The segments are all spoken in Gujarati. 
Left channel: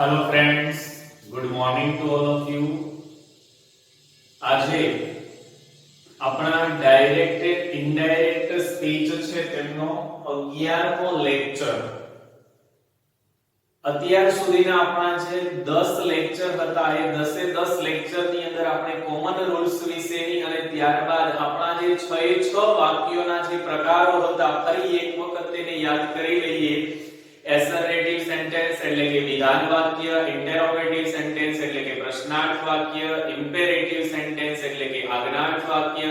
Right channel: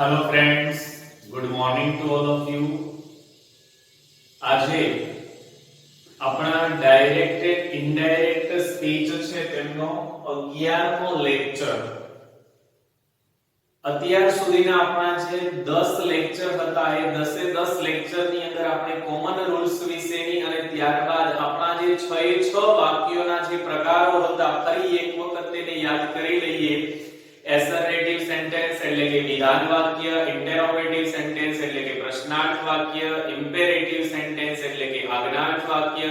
Hello friends, good morning to all of you. આજે આપણા ડાયરેક્ટ ઇનડાયરેક્ટ સ્પીચ છે તેમનો 11મો લેક્ચર। અત્યાર સુધીના આપણા જે 10 લેક્ચર હતા એ 10 લેક્ચર ની અંદર આપણે કોમન રૂલ્સ વિશેની અને ત્યારબાદ આપણા જે 6 વાક્યોના જે પ્રકારો હતા ફરી એક વખત તેને યાદ કરી લઈએ। એસર્ટિવ સેન્ટેન્સ એટલે કે વિધાન વાક્ય, ઇન્ટરોગેટિવ સેન્ટેન્સ એટલે કે પ્રશ્નાર્થ વાક્ય, ઇમ્પેરેટિવ સેન્ટેન્સ એટલે કે આજ્ઞાર્થ વાક્ય,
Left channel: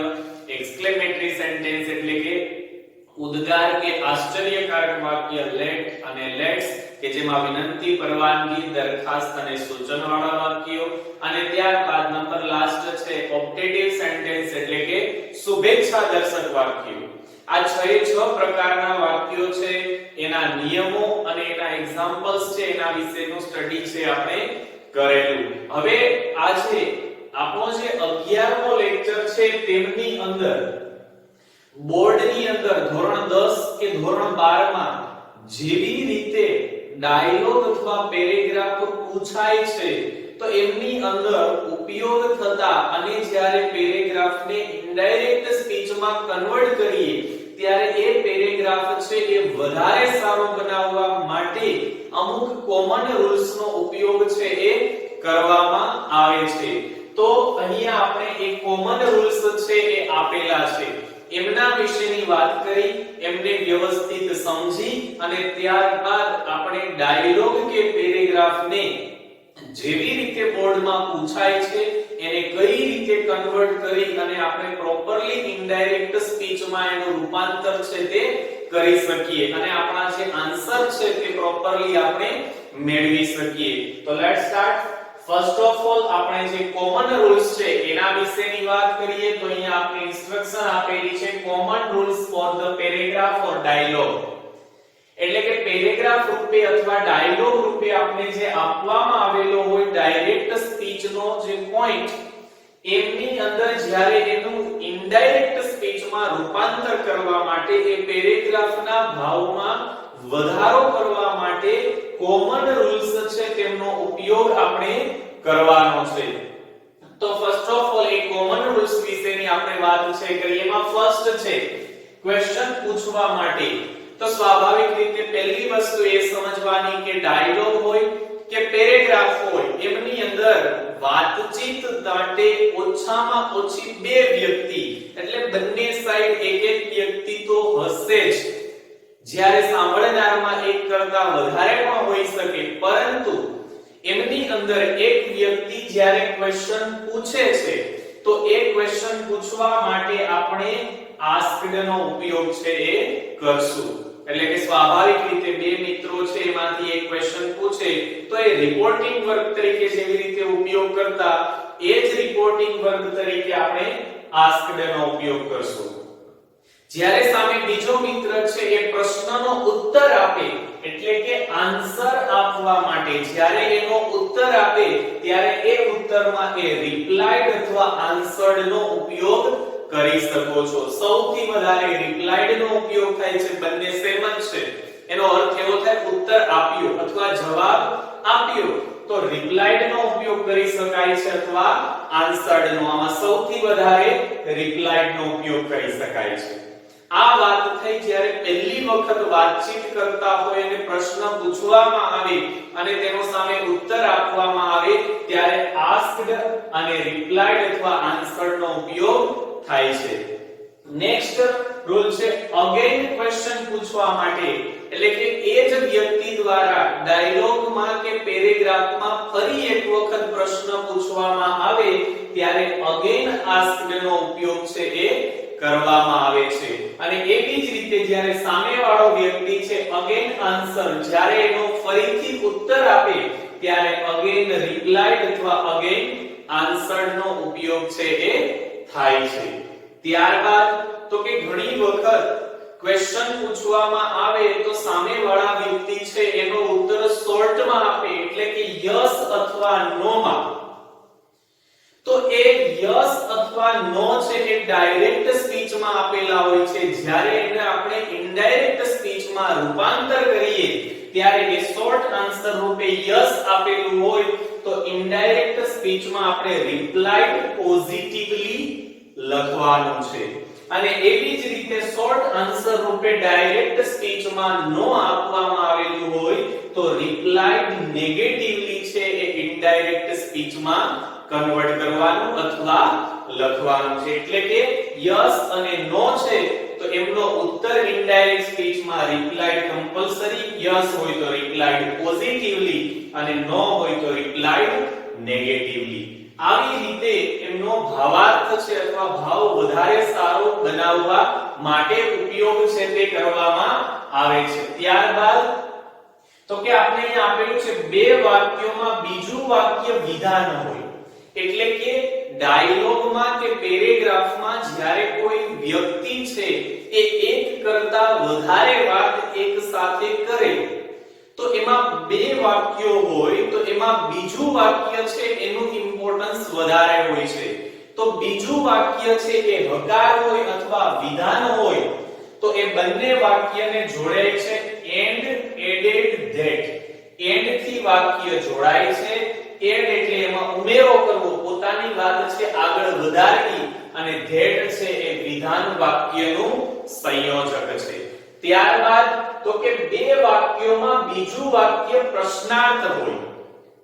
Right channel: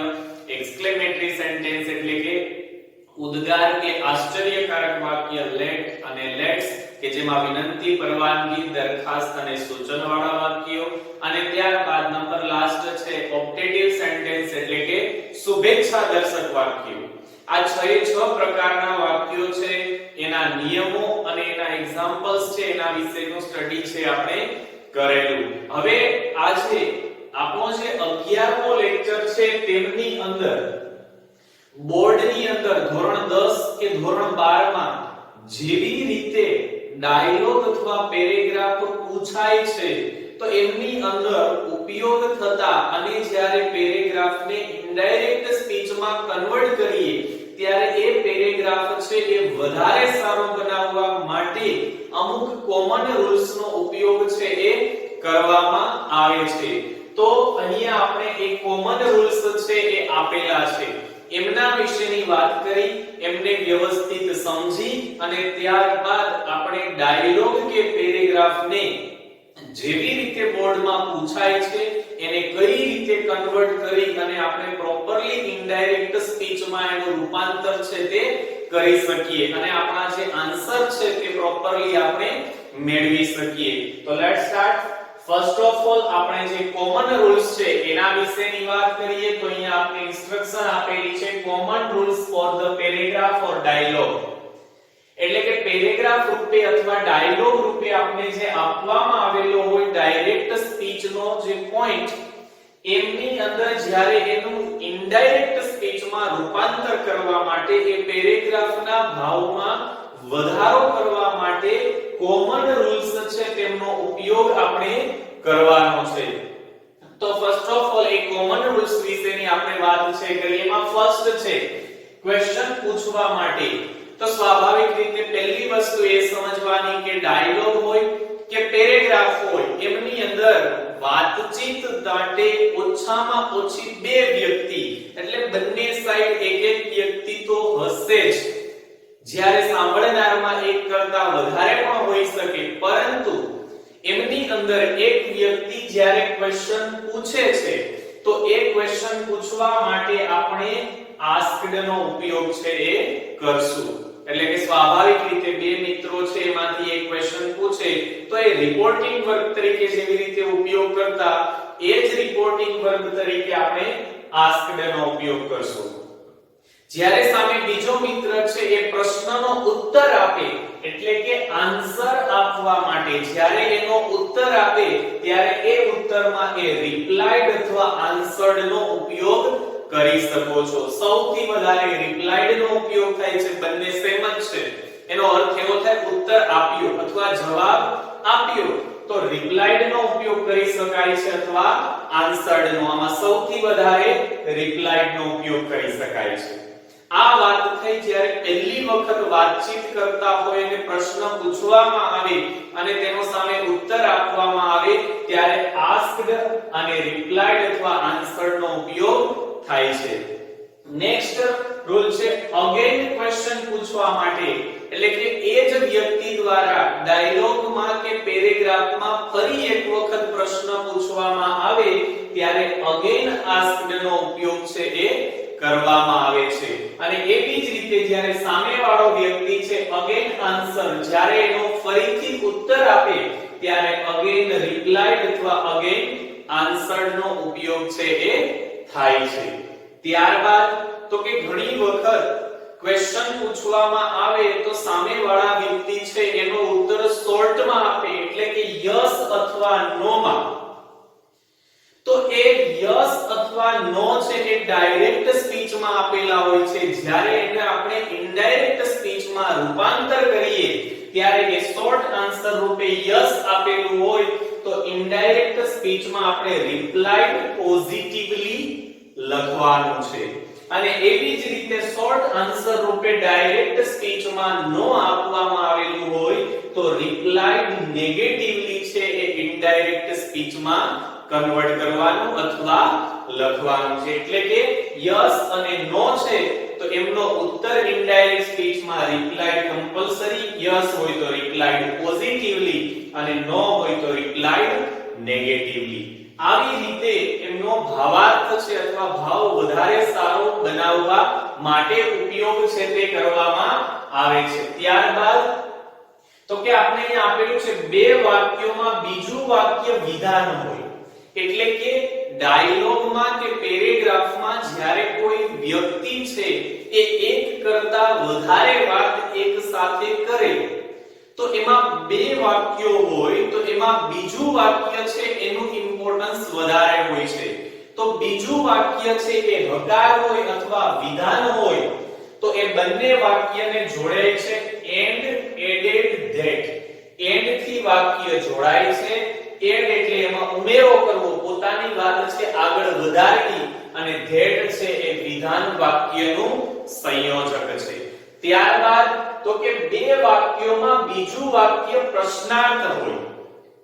એક્સક્લેમેટરી સેન્ટેન્સ એટલે કે ઉદ્ગાર કે આશ્ચર્યકારક વાક્ય, લેટ અને લેટ્સ કે જેમાં વિનંતી, પરવાનગી, દરખાસ્ત અને સૂચન વાળા વાક્યો, અને ત્યારબાદ નંબર લાસ્ટ છે ઓપ્ટેટિવ સેન્ટેન્સ એટલે કે શુભેચ્છા દર્શક વાક્યો। આ 6 પ્રકારના વાક્યો છે, એના નિયમો અને એના એક્ઝામ્પલ્સ છે, એના વિશેનું સ્ટડી છે આપણે કરેલું। હવે આજે આપણો જે 11મો લેક્ચર છે તેમની અંદર બોર્ડની અંદર ધોરણ 10 કે ધોરણ 12 માં જેવી રીતે ડાયલોગ અથવા પેરેગ્રાફ પૂછાય છે તો એમની અંદર ઉપયોગ થતા અને જ્યારે પેરેગ્રાફને ઇનડાયરેક્ટ સ્પીચમાં કન્વર્ટ કરીએ ત્યારે એ પેરેગ્રાફ છે એ વધારે સારો બનાવવા માટે અમુક કોમન રૂલ્સ નો ઉપયોગ છે એ કરવામાં આવે છે। તો અહીંયા આપણે એ કોમન રૂલ્સ છે એ આપેલા છે, એમના વિશેની વાત કરી, એમને વ્યવસ્થિત સમજી અને ત્યારબાદ આપણે ડાયલોગ કે પેરેગ્રાફને જેવી રીતે બોર્ડમાં પૂછાય છે એને કઈ રીતે કન્વર્ટ કરી અને આપણે પ્રોપરલી ઇનડાયરેક્ટ સ્પીચમાં એનું રૂપાંતર છે તે કરી શકીએ અને આપણા જે આન્સર છે તે પ્રોપરલી આપણે મેળવી શકીએ। તો let's start. First of all આપણે જે કોમન રૂલ્સ છે એના વિશેની વાત કરીએ તો અહીંયા આપણે ઇન્સ્ટ્રક્શન આપેલી છે common rules for the paragraph or dialogue, એટલે કે પેરેગ્રાફ રૂપે અથવા ડાયલોગ રૂપે આપણે જે આપવામાં આવેલો હોય ડાયરેક્ટ સ્પીચ નો જે પોઈન્ટ એમની અંદર જ્યારે એનું ઇનડાયરેક્ટ સ્પીચમાં રૂપાંતર કરવા માટે એ પેરેગ્રાફના ભાવમાં વધારો કરવા માટે કોમન રૂલ્સ છે તેમનો ઉપયોગ આપણે કરવાનો છે। તો first of all A common rules વિશેની આપણે વાત છે કરીએ। એમાં ફર્સ્ટ છે ક્વેશ્ચન પૂછવા માટે। તો સ્વાભાવિક રીતે પહેલી વસ્તુ એ સમજવાની કે ડાયલોગ હોય કે પેરેગ્રાફ હોય એમની અંદર વાતચીત માટે ઓછામાં ઓછી બે વ્યક્તિ એટલે બંને સાઈડ એક વ્યક્તિ તો હશે જ, જ્યારે સાંભળનારમાં એક કરતા વધારે પણ હોઈ શકે, પરંતુ એમની અંદર એક વ્યક્તિ જ્યારે ક્વેશ્ચન પૂછે છે તો એ ક્વેશ્ચન પૂછવા માટે આપણે આસ્ક્ડ નો ઉપયોગ છે એ કરશું। એટલે કે સ્વાભાવિક રીતે બે મિત્રો છે એમાંથી એક ક્વેશ્ચન પૂછે તો એ રિપોર્ટિંગ વર્બ તરીકે જેવી રીતે ઉપયોગ કરતા એ જ રિપોર્ટિંગ વર્બ તરીકે આપણે આસ્ક્ડ નો ઉપયોગ કરશું। જ્યારે સામે બીજો મિત્ર છે એ પ્રશ્નનો ઉત્તર આપે એટલે કે આન્સર આપવા માટે જ્યારે એનો ઉત્તર આપે ત્યારે એ ઉત્તરમાં એ રિપ્લાઈડ અથવા આન્સર્ડ નો ઉપયોગ કરી શકો છો। સૌથી વધારે રિપ્લાઈડ નો ઉપયોગ થાય છે, બંને સેમ જ છે, એનો અર્થ એવો થાય ઉત્તર આપ્યો અથવા જવાબ આપ્યો તો રિપ્લાઈડ નો ઉપયોગ કરી શકાય છે અથવા આન્સર્ડ નો, આમાં સૌથી વધારે રિપ્લાઈડ નો ઉપયોગ કરી શકાય છે। આ વાત થઈ જ્યારે પહેલી વખત વાતચીત કરતા હોય અને પ્રશ્ન પૂછવામાં આવે અને તેનો સામે ઉત્તર આપવામાં આવે ત્યારે આસ્ક્ડ અને રિપ્લાઈડ અથવા આન્સર્ડ નો ઉપયોગ થાય છે। નેક્સ્ટ રૂલ છે અગેન ક્વેશ્ચન પૂછવા માટે, એટલે કે એ જ વ્યક્તિ દ્વારા ડાયલોગમાં કે પેરેગ્રાફમાં ફરી એક વખત પ્રશ્ન પૂછવામાં આવે ત્યારે અગેન આસ્ક્ડ નો ઉપયોગ છે એ કરવામાં આવે છે। અને એવી જ રીતે જ્યારે સામેવાળો વ્યક્તિ છે અગેન આન્સર, જ્યારે એનો ફરીથી ઉત્તર આપે ત્યારે અગેન રિપ્લાઈડ અથવા અગેન આન્સર્ડ નો ઉપયોગ છે એ થાય છે। ત્યારબાદ તો કે ઘણી વખત ક્વેશ્ચન પૂછવામાં આવે તો સામેવાળા વ્યક્તિ છે એનો ઉત્તર શોર્ટમાં આપે એટલે કે યસ અથવા નો માં, તો એ યસ અથવા નો છે એ ડાયરેક્ટ સ્પીચમાં આપેલા હોય છે, જ્યારે એને આપણે ઇનડાયરેક્ટ સ્પીચમાં રૂપાંતર કરીએ ત્યારે એ શોર્ટ આન્સર રૂપે યસ આપેલું હોય તો ઇનડાયરેક્ટ સ્પીચમાં આપણે રિપ્લાઇડ પોઝિટિવલી લખવાનું છે અને એવી જ રીતે શોર્ટ આન્સર રૂપે ડાયરેક્ટ સ્પીચમાં નો આપવામાં આવેલું હોય તો રિપ્લાઇડ નેગેટિવલી છે એ ઇનડાયરેક્ટ સ્પીચમાં કન્વર્ટ કરવાનું અથવા લખવાનું છે એટલે કે યસ અને નો છે તો એમનો ઉત્તર ઇનડાયરેક્ટ સ્પીચમાં રિપ્લાઇડ કમ્પલ્સરી યસ હોય તો રિપ્લાઇડ પોઝિટિવલી અને નો હોય તો રિપ્લાઇડ નેગેટિવલી આવી રીતે એમનો ભાવાર્થ છે અથવા ભાવ વધારે સારો બનાવવા માટે ઉપયોગ છે તે કરવામાં આવે છે ત્યારબાદ તો કે આપણે અહીંયા આપેલું છે બે વાક્યોમાં બીજું વાક્ય વિધાન હોય એટલે કે ડાયલોગમાં કે પેરેગ્રાફમાં જ્યારે કોઈ વ્યક્તિ છે એ એક કરતા વધારે વાત એક સાથે કરે તો એમાં બે વાક્યો હોય તો એમાં બીજું વાક્ય છે એનું ઇમ્પોર્ટન્સ વધારે હોય છે તો બીજું વાક્ય છે એ હકાર હોય અથવા વિધાન હોય તો એ બંને વાક્યને જોડે છે એન્ડ એડેડ ધેટ એન્ડ થી વાક્ય જોડાય છે એડ એટલે એમાં ઉમેરો કરવો પોતાની વાત છે આગળ વધારવી અને ધેટ છે એ વિધાન વાક્યનું સંયોજક છે ત્યારબાદ તો કે બે વાક્યોમાં બીજું વાક્ય પ્રશ્નાર્થ હોય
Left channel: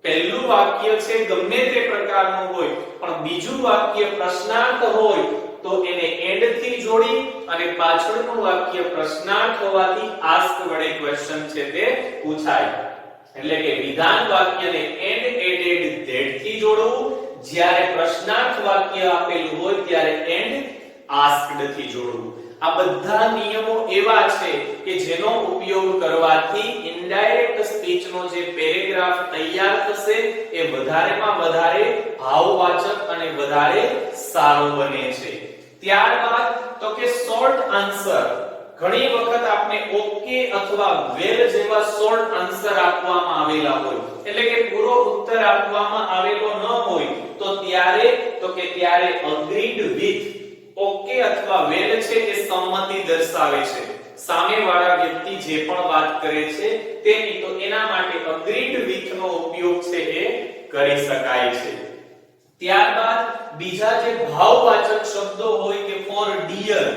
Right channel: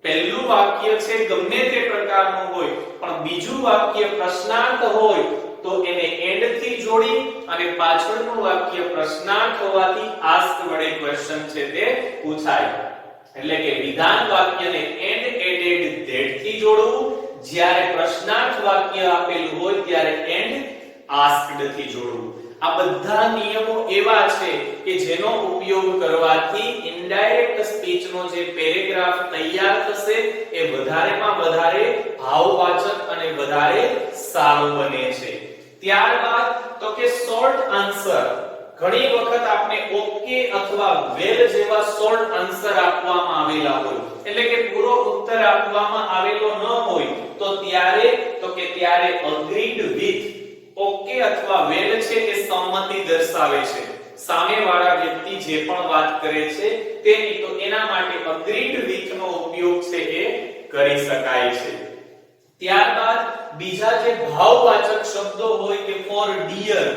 પહેલું વાક્ય છે ગમે તે પ્રકારનું હોય પણ બીજું વાક્ય પ્રશ્નાર્થ હોય તો એને એન્ડ થી જોડી અને પાછળનું વાક્ય પ્રશ્નાર્થ હોવાથી આસ્ક વડે ક્વેશ્ચન છે તે પૂછાય એટલે કે વિધાન વાક્યને એન્ડ એડેડ ધેટ થી જોડવું જ્યારે પ્રશ્નાર્થ વાક્ય આપેલું હોય ત્યારે એન્ડ આસ્કડ થી જોડવું આ બધા નિયમો એવા છે કે જેનો ઉપયોગ કરવાથી ઇનડાયરેક્ટ સ્પીચનો જે પેરેગ્રાફ તૈયાર થશે એ વધારેમાં વધારે ભાવવાચક અને વધારે સારો બને છે ત્યારબાદ તો કે શોર્ટ આન્સર ઘણી વખત આપણે ઓકે અથવા વેલ જેવા શોર્ટ આન્સર આપવામાં આવેલા હોય એટલે કે પૂરો ઉત્તર આપવામાં આવેલો ન હોય તો ત્યારે અગ્રીડ વિથ ઓકે અથવા વેલ છે એ સંમતિ દર્શાવે છે સામેવાળા વ્યક્તિ જે પણ વાત કરે છે તેની તો એના માટે અગ્રીડ વિથ નો ઉપયોગ છે એ કરી શકાય છે ત્યારબાદ બીજા જે ભાવવાચક શબ્દો હોય કે ફોર ડિયર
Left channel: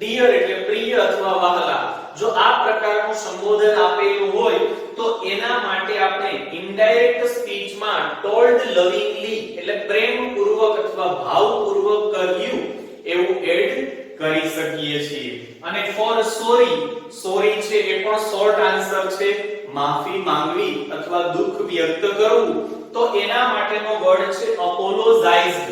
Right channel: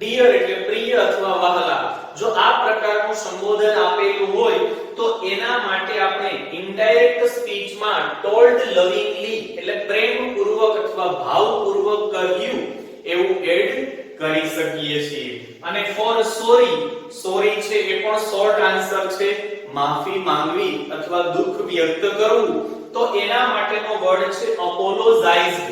એટલે પ્રિય અથવા વહાલા જો આ પ્રકારનું સંબોધન આપેલું હોય તો એના માટે આપણે ઇનડાયરેક્ટ સ્પીચમાં ટોલ્ડ લવિંગલી એટલે પ્રેમપૂર્વક અથવા ભાવપૂર્વક કહ્યું એવું એડ કરી શકીએ છીએ અને ફોર સોરી છે એ પણ શોર્ટ આન્સર છે માફી માંગવી અથવા દુઃખ વ્યક્ત કરવું તો એના માટેનો વર્ડ છે અપોલોજાઇઝ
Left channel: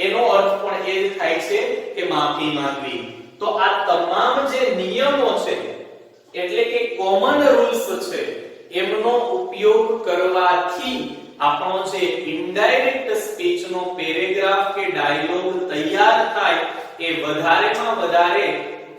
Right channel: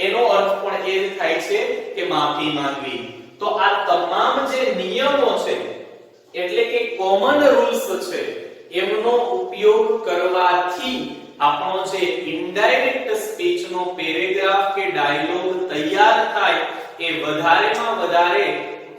એનો અર્થ પણ એ જ થાય છે કે માફી માંગવી તો આ તમામ જે નિયમો છે એટલે કે કોમન રૂલ્સ છે એમનો ઉપયોગ કરવાથી આપણો જે ઇનડાયરેક્ટ સ્પીચનો પેરેગ્રાફ કે ડાયલોગ તૈયાર થાય એ વધારેમાં વધારે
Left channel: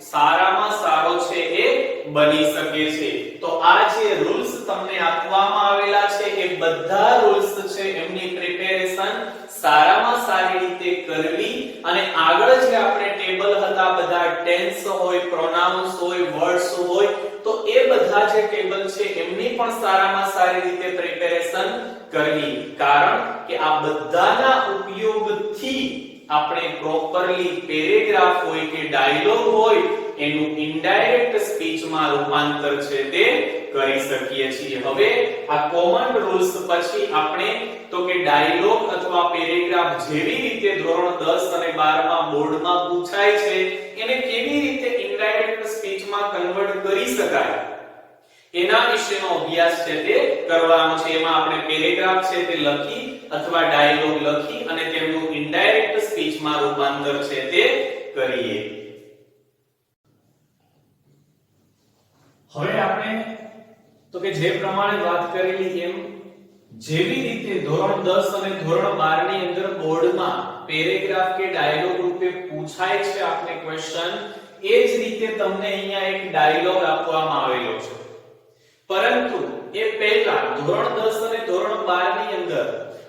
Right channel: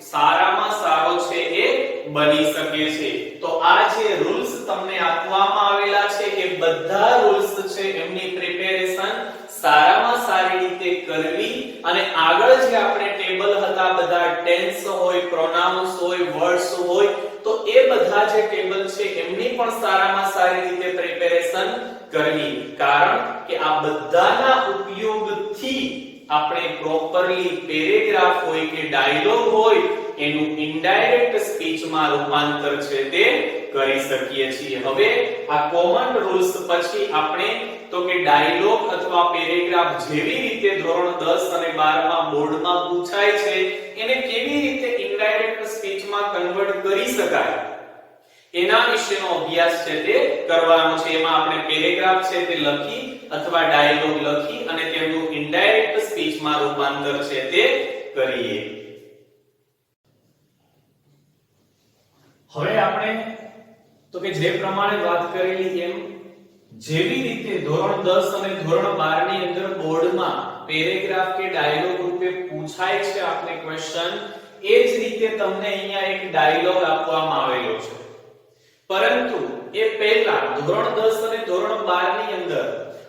સારામાં સારો છે એ બની શકે છે તો આ જે રૂલ્સ તમને આપવામાં આવેલા છે એ બધા રૂલ્સ છે એમની પ્રિપેરેશન સારામાં સારી રીતે કરવી અને આગળ જે આપણે ટેબલ હતા બધા ટેન્સ હોય પ્રોનાઉન્સ હોય વર્ડ્સ હોય તો એ બધા જે ટેબલ છે એમની પણ સારામાં સારી રીતે પ્રિપેરેશન કરવી કારણ કે આ બધાના ઉપયોગથી આપણે પ્રોપરલી પેરેગ્રાફ હોય કે ડાયલોગ હોય એનું ઇનડાયરેક્ટ સ્પીચમાં રૂપાંતર છે તે કરી શકીએ છીએ હવે આ કોમન રૂલ્સ પછી આપણે તો કે ડાયલોગ અથવા પેરેગ્રાફ જેવી રીતે ધોરણ 10 અને 12 માં બોર્ડમાં પૂછાય છે એને કેવી રીતે ઇનડાયરેક્ટ સ્પીચમાં કન્વર્ટ કરી શકાય એના વિશેનો અભ્યાસ છે તે કરવાનો છે એમાં આપણે પેરેગ્રાફ છે તે લખી અથવા ડાયલોગ લખી અને તેમનું ઇનડાયરેક્ટ સ્પીચમાં રૂપાંતર છે તે કરીએ હવે આપણે તો કે જે પ્રમાણે વાત કરેલી એમ જેવી રીતે ધોરણ 10 અને ધોરણ 12 ની અંદર બોર્ડમાં પેરેગ્રાફ કે ડાયલોગ રૂપે પૂછાય છે આપને ક્વેશ્ચન એ જ રીતે તમને અહીંયા એક ડાયલોગ આપવામાં આવેલો છે પરંતુ એ પહેલા ધોરણ 10 અને ધોરણ 12 ની અંદર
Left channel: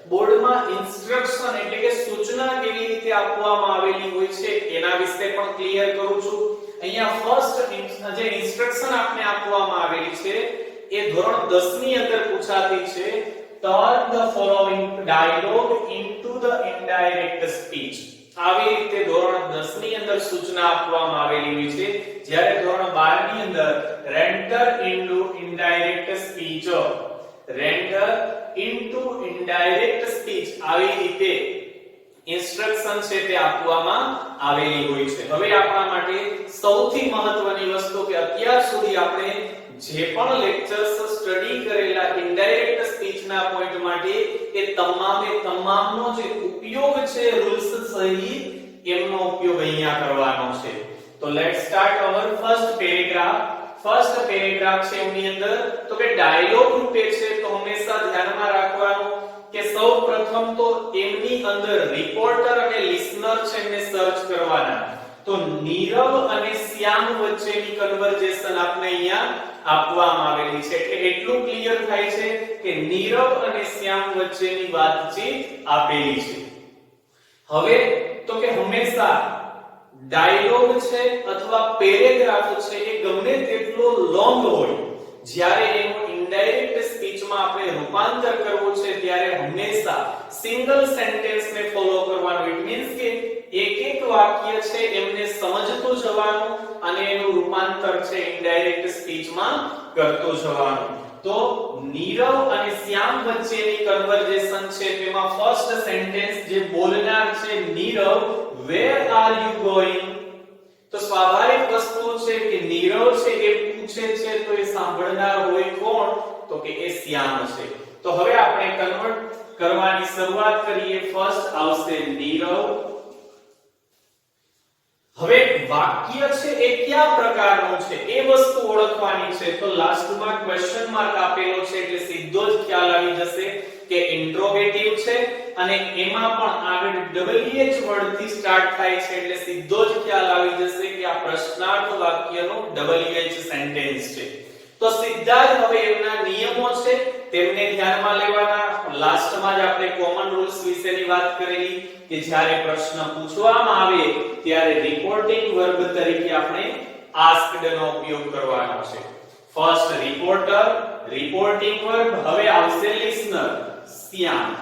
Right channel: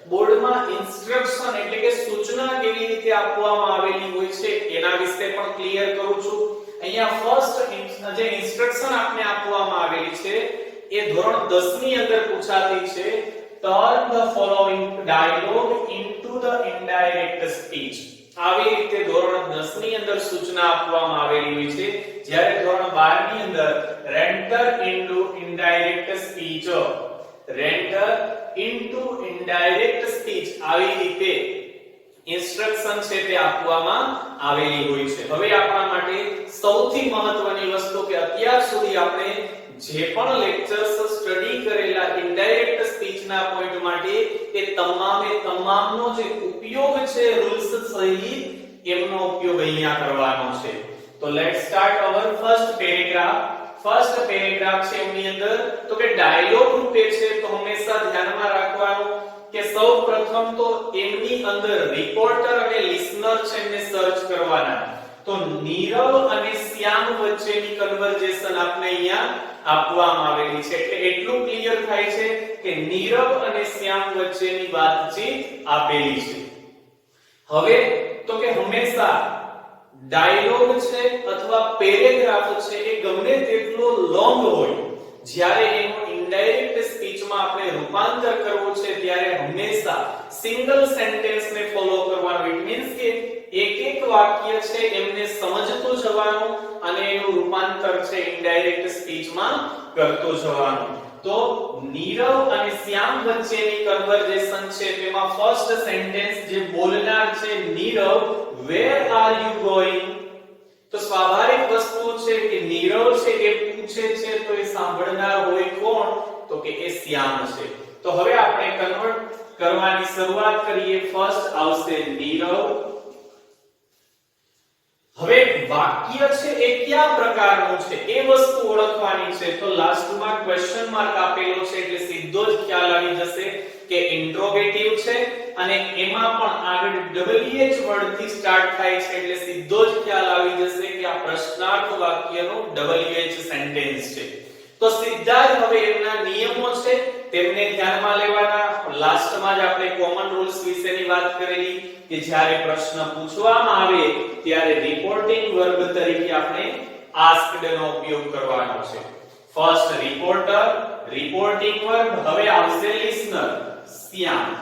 બોર્ડમાં ઇન્સ્ટ્રક્શન એટલે કે સૂચના કેવી રીતે આપવામાં આવેલી હોય છે એના વિશે પણ ક્લિયર કરું છું અહીંયા ફર્સ્ટ જે ઇન્સ્ટ્રક્શન આપને આપવામાં આવેલી છે એ ધોરણ 10 ની અંદર પૂછાતી છે. Turn the following dialogue into the indirect speech. આવી રીતે ધોરણ 10 ની અંદર સૂચના આપવામાં આવેલી હોય છે. જ્યારે ધોરણ 12 ની અંદર render into indirect speech, render into indirect speech આવી રીતે ઇન્સ્ટ્રક્શન છે તે આપવામાં આવેલી હોય છે. હવે આપણા માટે સૌથી મહત્વની વસ્તુ કે અત્યાર સુધી આપણે જે પણ લેક્ચર્સ સ્ટડી કરેલા ઇનડાયરેક્ટ સ્પીચ ના પોઈન્ટ માટે એ તમામનો જે ઉપયોગ છે રૂલ્સ સહિત એમનો ઉપયોગ અહીંયા કરવાનો છે. તો let's start hour first paragraph. First paragraph છે એની અંદર તો કે ડાયલોગ રૂપે છે, તો હંમેશા ધ્યાનમાં રાખવાનું કે સૌપ્રથમ તો એમની અંદર રિપોર્ટર અને લિસનર છે એમને સર્ચ કરવાના. તો નીરવ અને શ્યામ વચ્ચેની કન્વર્જેશન આપણે અહીંયા આપવામાં આવેલી છે. એટલે એટલું ક્લિયર થાય છે કે નીરવ અને શ્યામ વચ્ચેની વાતચીત આપેલી છે. હવે તો કે હંમેશા ડાયલોગ છે અથવા પેરેગ્રાફ છે એ ગમે તેટલો લોંગ હોય, જ્યારે એનું ઇનડાયરેક્ટ સ્પીચમાં આપણે રૂપાંતર કરવું છે ત્યારે હંમેશા સિંગલ સેન્ટેન્સ ને ફોલો કરવાનું. ઇટ મીન્સ કે એક વાક્ય છે એમને સમજતો જવાનું અને એનું રૂપાંતર છે ઇનડાયરેક્ટ સ્પીચમાં કરતો જવાનું. તો નીરવ અને શ્યામ વચ્ચેની કન્વર્જેશન છે તેમાં ફર્સ્ટ સેન્ટેન્સ જે બોલનાર છે Nirav, where are you going? તો સ્વાભાવિક વસ્તુ છે કે નીરવ છે એ પૂછે છે તો એ સાંભળનાર હોય કોણ? તો કે એ શ્યામ છે. તો હવે આપણે કન્વર્ટ કરવાની શરૂઆત કરીએ. ફર્સ્ટ આવશે નીરવ. હવે વાક્ય છે એ કયા પ્રકારનું છે એ વસ્તુ ઓળખવાની છે. તો લાસ્ટમાં ક્વેશ્ચન માર્ક આપેલો છે એટલે સીધો જ ખ્યાલ આવી જશે કે ઇન્ટ્રોગેટિવ છે અને એમાં પણ આગળ WH વર્ડ થી સ્ટાર્ટ થાય છે એટલે સીધો જ ખ્યાલ આવી જશે કે આ પ્રશ્નાર્થ વાક્યનો WH સેન્ટેન્સ છે. તો સીધા જ હવે એમના નિયમો છે તેમને ધ્યાનમાં લેવાના. લાસ્ટમાં જ આપણે કોમન રૂલ્સ વિશેની વાત કરેલી કે જ્યારે પ્રશ્ન પૂછવામાં આવે ત્યારે રિપોર્ટિંગ વર્બ તરીકે આપણે આસ્ક્ડ નો ઉપયોગ કરવાનો છે. First reporter, reporting verb. હવે આવશે લિસનર, શ્યામ.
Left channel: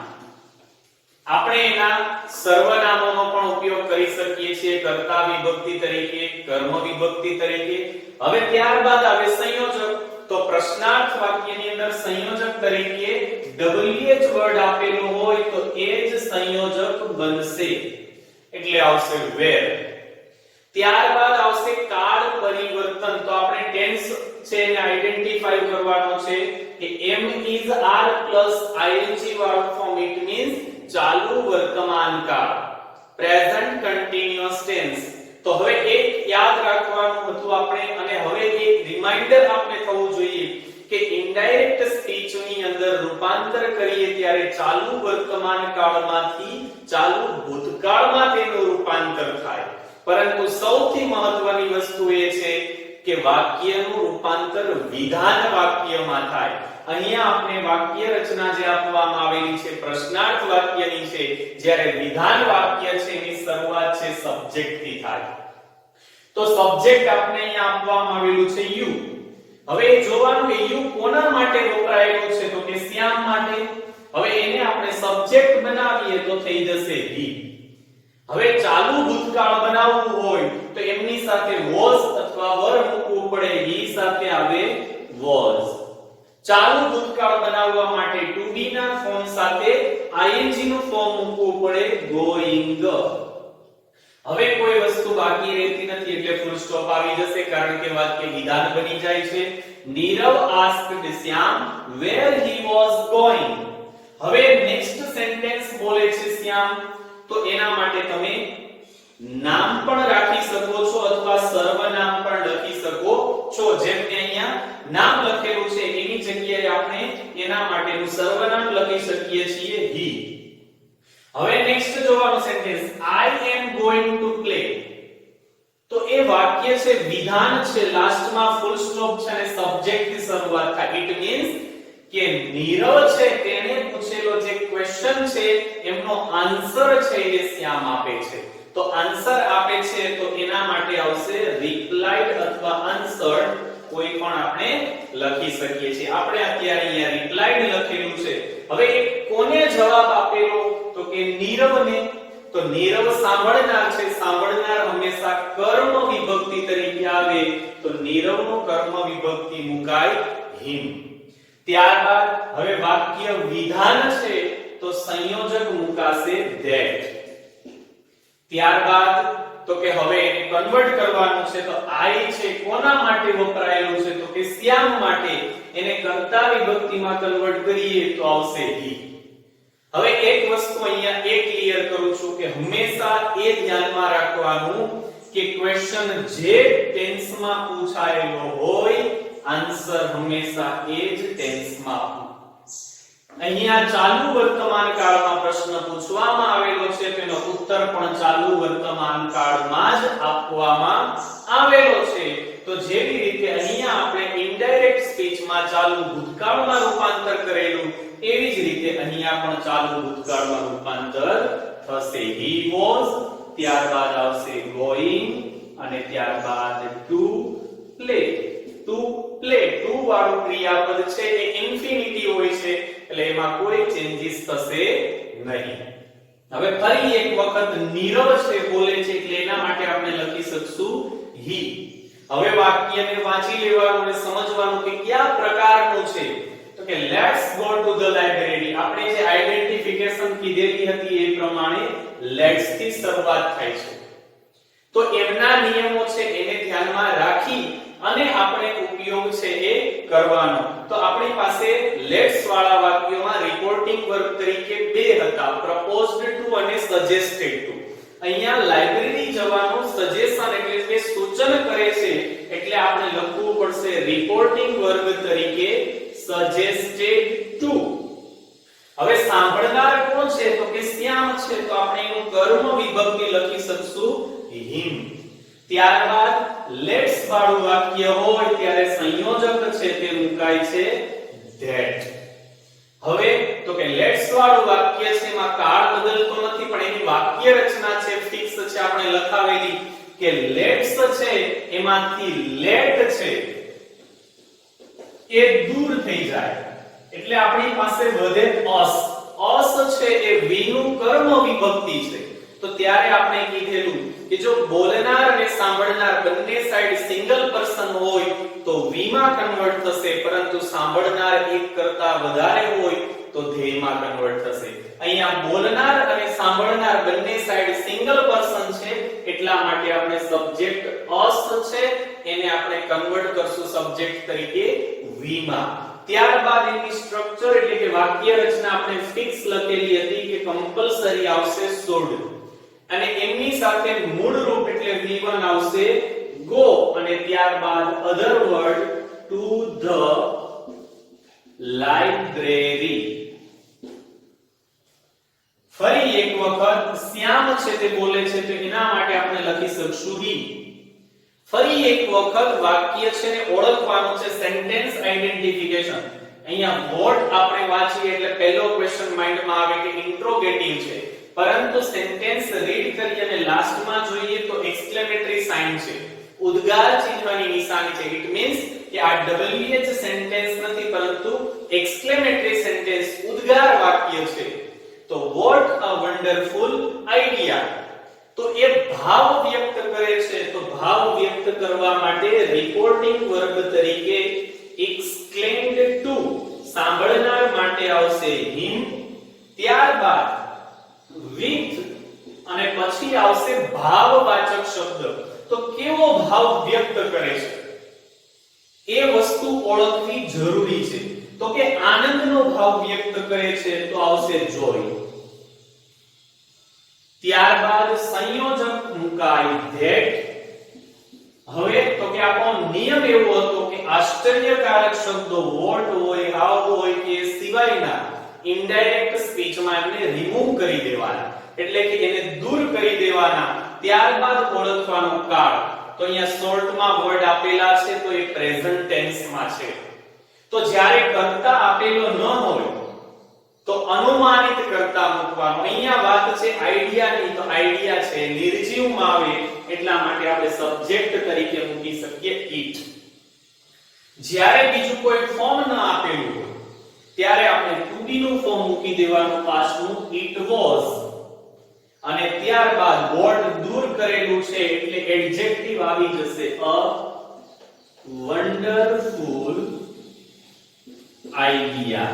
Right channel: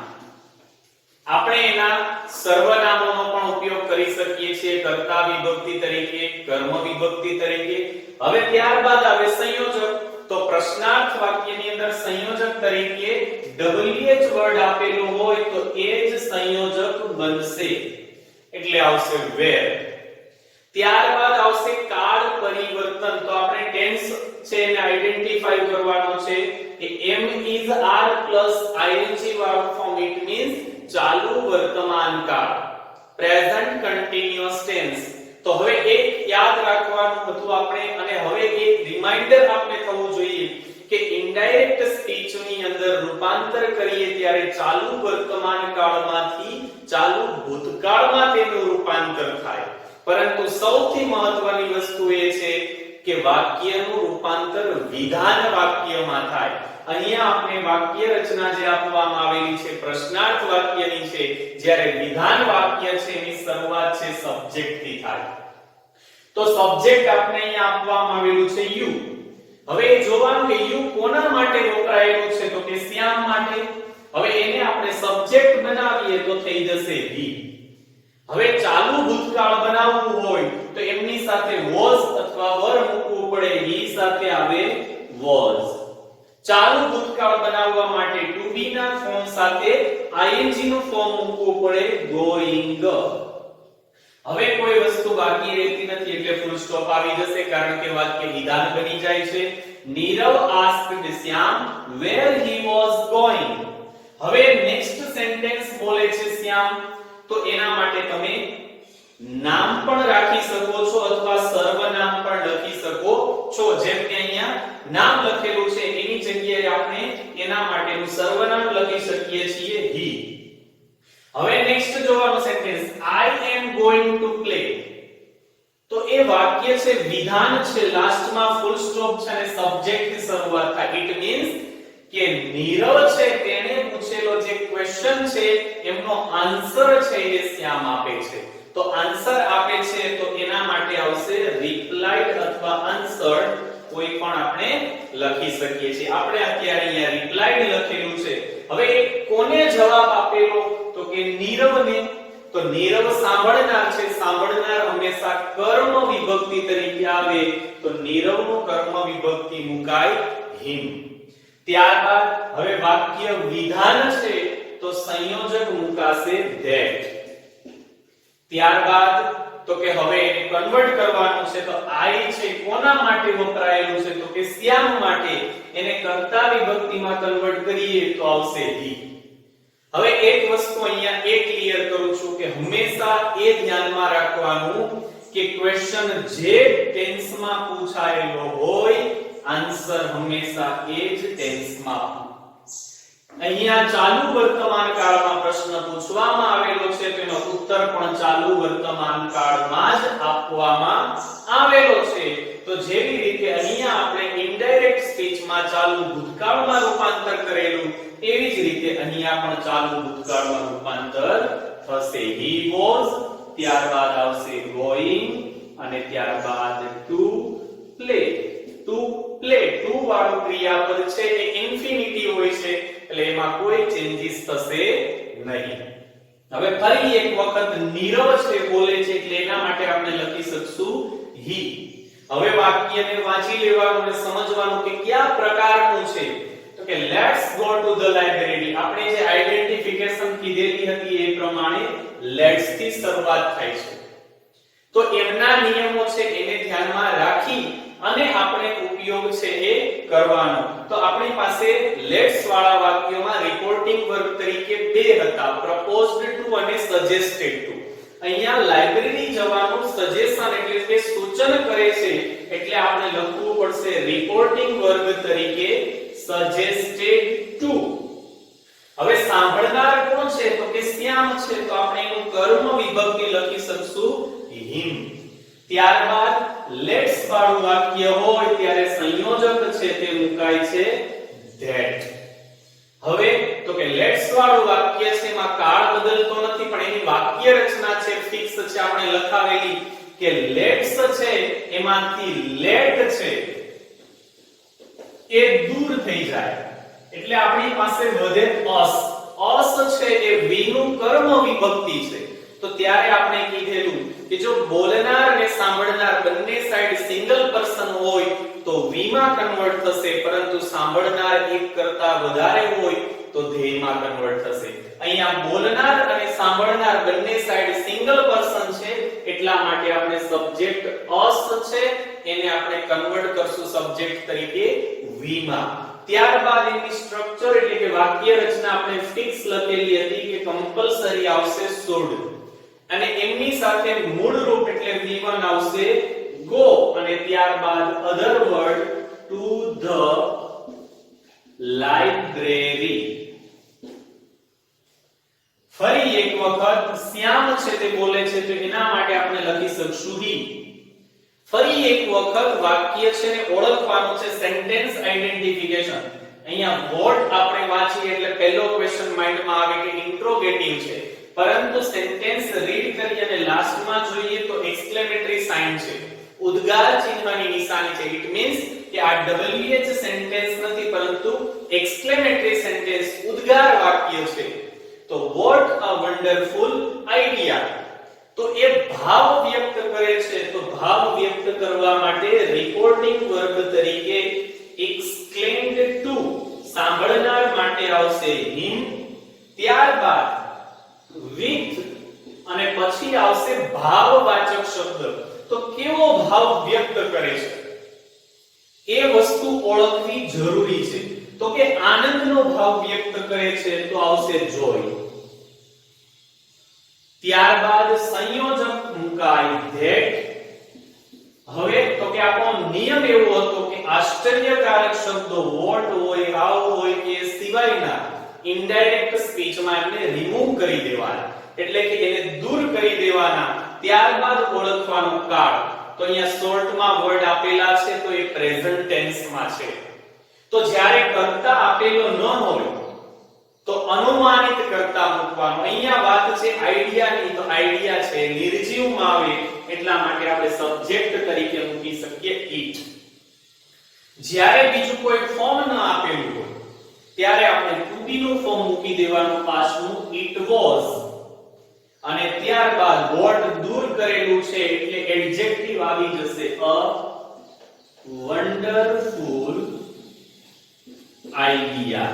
આપણે એના સર્વનામોનો પણ ઉપયોગ કરી શકીએ છીએ, કર્તા વિભક્તિ તરીકે, કર્મ વિભક્તિ તરીકે. હવે ત્યારબાદ આવે સંયોજક. તો પ્રશ્નાર્થ વાક્યની અંદર સંયોજક તરીકે WH વર્ડ આપેલો હોય તો એ જ સંયોજક બનશે એટલે આવશે where. ત્યારબાદ આવશે કાળ પરિવર્તન. તો આપણે ટેન્સ છે એને આઈડેન્ટિફાઈ કરવાનો છે કે M is R plus ing વાળો ફોર્મ. ઇટ મીન્સ ચાલુ વર્તમાન કાળ, પ્રેઝન્ટ કન્ટિન્યુઅસ ટેન્સ. તો હવે એક યાદ રાખવાનું હતું આપણે, અને હવે એક રિમાઇન્ડર આપણે થવું જોઈએ કે ઇનડાયરેક્ટ સ્પીચ ની અંદર રૂપાંતર કરીએ ત્યારે ચાલુ વર્તમાન કાળમાંથી ચાલુ ભૂતકાળમાં તેનું રૂપાંતર થાય. પરંતુ સૌથી મહત્વની વસ્તુ એ છે કે વાક્યનું રૂપાંતર વિધાન વાક્યમાં થાય. અહીંયા આપણે વાક્ય રચના જે આપવામાં આવેલી છે પ્રશ્નાર્થ વાક્યની છે, જ્યારે વિધાન વાક્ય છે એની શરૂઆત છે સબ્જેક્ટ થી થાય. તો સબ્જેક્ટ આપણે અહીંયા આપવામાં આવેલું છે યુ. હવે જોવાનું કે યુ કોના માટે વપરાયેલું છે? તો કે શ્યામ માટે. હવે એને આપણે સબ્જેક્ટ બનાવીએ તો થઈ જશે હી. હવે ચાલુ ભૂતકાળ બનાવવું હોય તો એમની સાથે was અથવા were મૂકવું પડે. હી સાથે આવે was. ચાલુ ભૂતકાળ બનાવવા માટે to be ના ફોર્મ સાથે ing નું ફોર્મ મૂકવું પડે going. હવે કોઈ વસ્તુ બાકી રહેતી નથી એટલે ફૂલ સ્ટોપ આવી જશે કારણ કે વાક્ય વિધાન બની જાય છે. Nirav asked Shyam where he was going. હવે નેક્સ્ટ સેન્ટેન્સ બોલે છે શ્યામ, તો એના માટે તમે નામ પણ રાખી શકો છો અથવા સર્વનામ પણ લખી શકો છો. જેમ કે અહીંયા નામ લખેલું છે એની જગ્યાએ આપણે એના માટેનું સર્વનામ લખી શકીએ છીએ he. હવે નેક્સ્ટ જોવાનો sentence I am going to play. તો એ વાક્ય છે વિધાન છે, લાસ્ટમાં ફૂલ સ્ટોપ છે અને સબ્જેક્ટ થી શરૂઆત થાય. ઇટ મીન્સ કે નીરવ છે તેને પૂછેલો જે ક્વેશ્ચન છે એમનો આન્સર છે એ શ્યામ આપે છે. તો આન્સર આપે છે તો એના માટે આવશે રિપ્લાઇડ અથવા આન્સર્ડ કોઈ પણ આપણે લખી શકીએ છીએ. આપણે અત્યારે અહીંયા રિપ્લાઇડ લખેલું છે. હવે કોને જવાબ આપેલો? તો કે નીરવને. તો નીરવ સાંભળનાર છે. સાંભળનાર હંમેશા કર્મ વિભક્તિ તરીકે આવે, તો નીરવનું કર્મ વિભક્તિ મુકાય હિમ. ત્યારબાદ હવે વાક્ય વિધાન છે, તો સંયોજક મુકાશે that. ત્યારબાદ તો કે હવે એને કન્વર્ટ કરવાનું છે, તો I છે કોના માટે વપરાયેલું છે? તો કે શ્યામ માટે. એને કર્તા વિભક્તિમાં કન્વર્ટ કરીએ તો આવશે he. હવે એક વસ્તુ અહીંયા એ ક્લિયર કરું છું કે હંમેશા એ ધ્યાનમાં રાખવાનું કે ક્વેશ્ચન જે ટેન્સમાં પૂછાયેલો હોય, આન્સર હંમેશા એ જ ટેન્સમાં. અહીંયા ચાલુ વર્તમાન કાળમાં પ્રશ્ન પૂછવામાં આવેલો છે, તેનો ઉત્તર પણ ચાલુ વર્તમાન કાળમાં જ આપવામાં આવેલો છે. તો જેવી રીતે અહીંયા આપણે ઇનડાયરેક્ટ સ્પીચમાં ચાલુ ભૂતકાળમાં રૂપાંતર કરેલું, એવી જ રીતે અહીંયા પણ ચાલુ ભૂતકાળમાં રૂપાંતર થશે. he was, ત્યારબાદ આવશે going, અને ત્યારબાદ to play. to play, to વાળું ક્રિયાપદ છે એ ઇન્ફિનિટી હોય છે, એટલે એમાં કોઈ ચેન્જીસ થશે નહીં. હવે ફરી એક વખત નીરવ છે બોલે છે, એટલે એના માટે આપણે લખી શકશું he. હવે વાક્યને વાંચી લેવાનું અને સમજવાનું કે કયા પ્રકારનું છે. તો કે let's go to the library. આપણે જે આઇડેન્ટિફિકેશન કીધેલી હતી એ પ્રમાણે લેટ્સ થી શરૂઆત થાય છે. તો એમના નિયમો છે એને ધ્યાનમાં રાખી અને આપણે ઉપયોગ છે એ કરવાનો. તો આપણી પાસે લેટ્સ વાળા વાક્યોમાં રિપોર્ટિંગ વર્બ તરીકે બે હતા, પ્રપોઝડ ટુ અને સજેસ્ટેડ ટુ. અહીંયા લાઇબ્રેરી જવાનું સજેશન એટલે કે સૂચન કરે છે, એટલે આપણે લખવું પડશે રિપોર્ટિંગ વર્બ તરીકે સજેસ્ટેડ ટુ. હવે સાંભળનાર કોણ છે? તો કે શ્યામ છે, તો આપણે એનું કર્મ વિભક્તિ લખી શકશું હિમ. ત્યારબાદ લેટ્સ વાળું વાક્ય હોય ત્યારે સંયોજક છે તે મુકાય છે that. હવે તો કે લેટ્સ વાળું વાક્ય છે એમાં કાળ બદલતો નથી, પણ એની વાક્ય રચના છે ફિક્સ છે, આપણે લખાવેલી કે લેટ્સ છે એમાંથી લેટ છે એ દૂર થઈ જાય, એટલે આપણી પાસે વધે અસ. અસ છે એ વી નું કર્મ વિભક્તિ છે. તો ત્યારે આપણે કીધેલું કે જો બોલનાર અને સાંભળનાર બંને સાઈડ સિંગલ પર્સન હોય તો વી માં કન્વર્ટ થશે, પરંતુ સાંભળનાર એક કરતા વધારે હોય તો ધેય માં કન્વર્ટ થશે. અહીંયા બોલનાર અને સાંભળનાર બંને સાઈડ સિંગલ પર્સન છે, એટલા માટે આપણે સબ્જેક્ટ અસ છે એને આપણે કન્વર્ટ કરશું સબ્જેક્ટ તરીકે વી માં. ત્યારબાદ એની સ્ટ્રક્ચર એટલે કે વાક્ય રચના આપણે ફિક્સ લખેલી હતી કે કમ્પલસરી આવશે should, અને એમની સાથે મૂળ રૂપ એટલે V1 આવશે go, અને ત્યારબાદ અધર વર્ડ to the library. ફરી એક વખત શ્યામ છે તે બોલે છે, તો એના માટે આપણે લખી શકશું he. ફરી એક વખત વાક્ય છે ને ઓળખવાનું છે, સેન્ટેન્સ આઇડેન્ટિફિકેશન. અહીંયા વોટ આપણે વાંચીએ એટલે પહેલો ક્વેશ્ચન માઇન્ડમાં આવે કે ઇન્ટ્રોગેટિવ છે, પરંતુ સેન્ટેન્સ રીડ કરી અને લાસ્ટમાં જોઈએ તો એક્સક્લેમેટરી સાઇન છે, ઉદ્ગાર ચિહ્નની નિશાની છે. ઇટ મીન્સ કે આ WH સેન્ટેન્સ નથી, પરંતુ એક્સક્લેમેટરી સેન્ટેન્સ ઉદ્ગાર વાક્ય છે. તો વોટ અ વન્ડરફુલ આઈડિયા. તો એ ભાવ વ્યક્ત કરે છે, તો ભાવ વ્યક્ત કરવા માટે રિપોર્ટિંગ વર્બ તરીકે exclaimed to સાંભળનાર માટે આવશે him. ત્યારબાદ with અને પછી આવશે ભાવવાચક શબ્દ. તો કેવો ભાવ વ્યક્ત કરે છે એ વસ્તુ ઓળખવી જરૂરી છે. તો કે આનંદનો ભાવ વ્યક્ત કરે છે તો આવશે joy. ત્યારબાદ સંયોજક મુકાય that. હવે તો કે આપણો નિયમ એવો હતો કે આશ્ચર્યકારક શબ્દો વોટ હોય, હાઉ હોય કે સિવાયના ઇનડાયરેક્ટ સ્પીચમાં એને રિમૂવ કરી દેવાના, એટલે કે એને દૂર કરી દેવાના. ત્યારબાદ ઓળખવાનો કાળ. તો અહીંયા શોર્ટમાં વર્ડ આપેલા છે તો એ પ્રેઝન્ટ ટેન્સમાં છે. તો જ્યારે કર્તા આપેલો ન હોય તો અનુમાનિત કર્તા મૂકવાનું. અહીંયા વાત છે આઈડિયાની, તો આઈડિયા છે નિર્જીવમાં આવે એટલા માટે આપણે સબ્જેક્ટ તરીકે મૂકી શકીએ it. જ્યારે બીજું કોઈ ફોર્મ ન આપેલું હોય ત્યારે આપણે to be નું ફોર્મ મૂકી દેવાનું પાછનું it was, અને ત્યારબાદ વોટ દૂર કરેલું છે એટલે એડજેક્ટિવ આવી જશે a wonderful idea,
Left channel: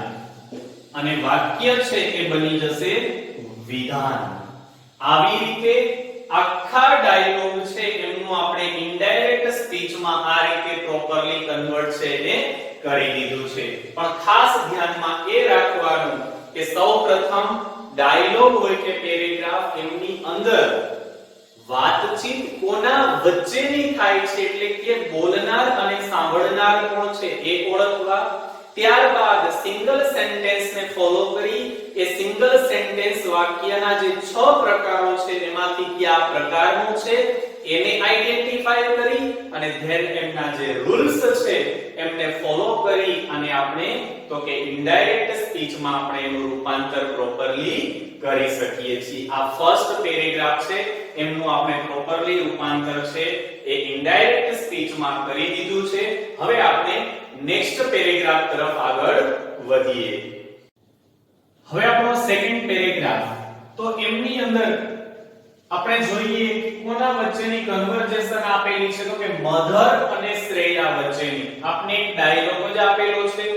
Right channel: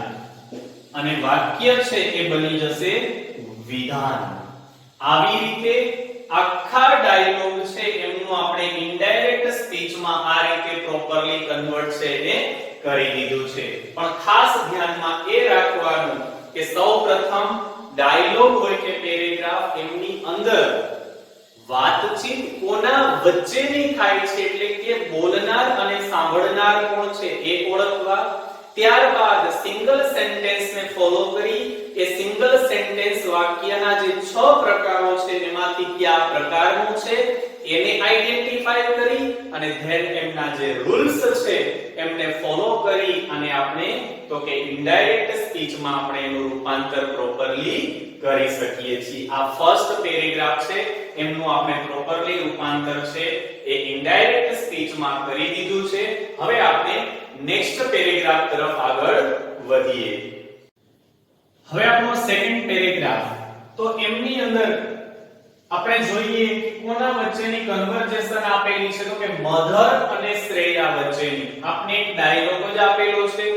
અને વાક્ય છે એ બની જશે વિધાન. આવી રીતે આખા ડાયલોગ છે એમનું આપણે ઇનડાયરેક્ટ સ્પીચમાં આ રીતે પ્રોપરલી કન્વર્ટ છે એ કરી દીધું છે. પણ ખાસ ધ્યાનમાં એ રાખવાનું કે સૌપ્રથમ ડાયલોગ હોય કે પેરેગ્રાફ એમની અંદર વાતચીત કોના વચ્ચેની થાય છે એટલે કે બોલનાર અને સાંભળનાર કોણ છે એ ઓળખવા. ત્યારબાદ સિંગલ સેન્ટેન્સ ને ફોલો કરી એ સિંગલ સેન્ટેન્સ વાક્યના જે 6 પ્રકારો છે એમાંથી કયા પ્રકારનું છે એને આઈડેન્ટિફાય કરી અને ધેન એમના જે રૂલ્સ છે એમને ફોલો કરી અને આપણે તો કે ઇનડાયરેક્ટ સ્પીચમાં આપણે એનું રૂપાંતર પ્રોપરલી કરી શકીએ છીએ. આ ફર્સ્ટ પેરેગ્રાફ છે એમનું આપણે પ્રોપરલી રૂપાંતર છે એ ઇનડાયરેક્ટ સ્પીચમાં કરી દીધું છે. હવે આપણે નેક્સ્ટ પેરેગ્રાફ તરફ આગળ વધીએ. હવે આપણો સેકન્ડ પેરેગ્રાફ, તો એમની અંદર આપણે જોઈએ કોના વચ્ચેની કન્વર્જેશન આપેલી છે તો કે મધર અને શ્રેયા વચ્ચેની. આપણે એક ડાયલોગ જ આપેલો છે.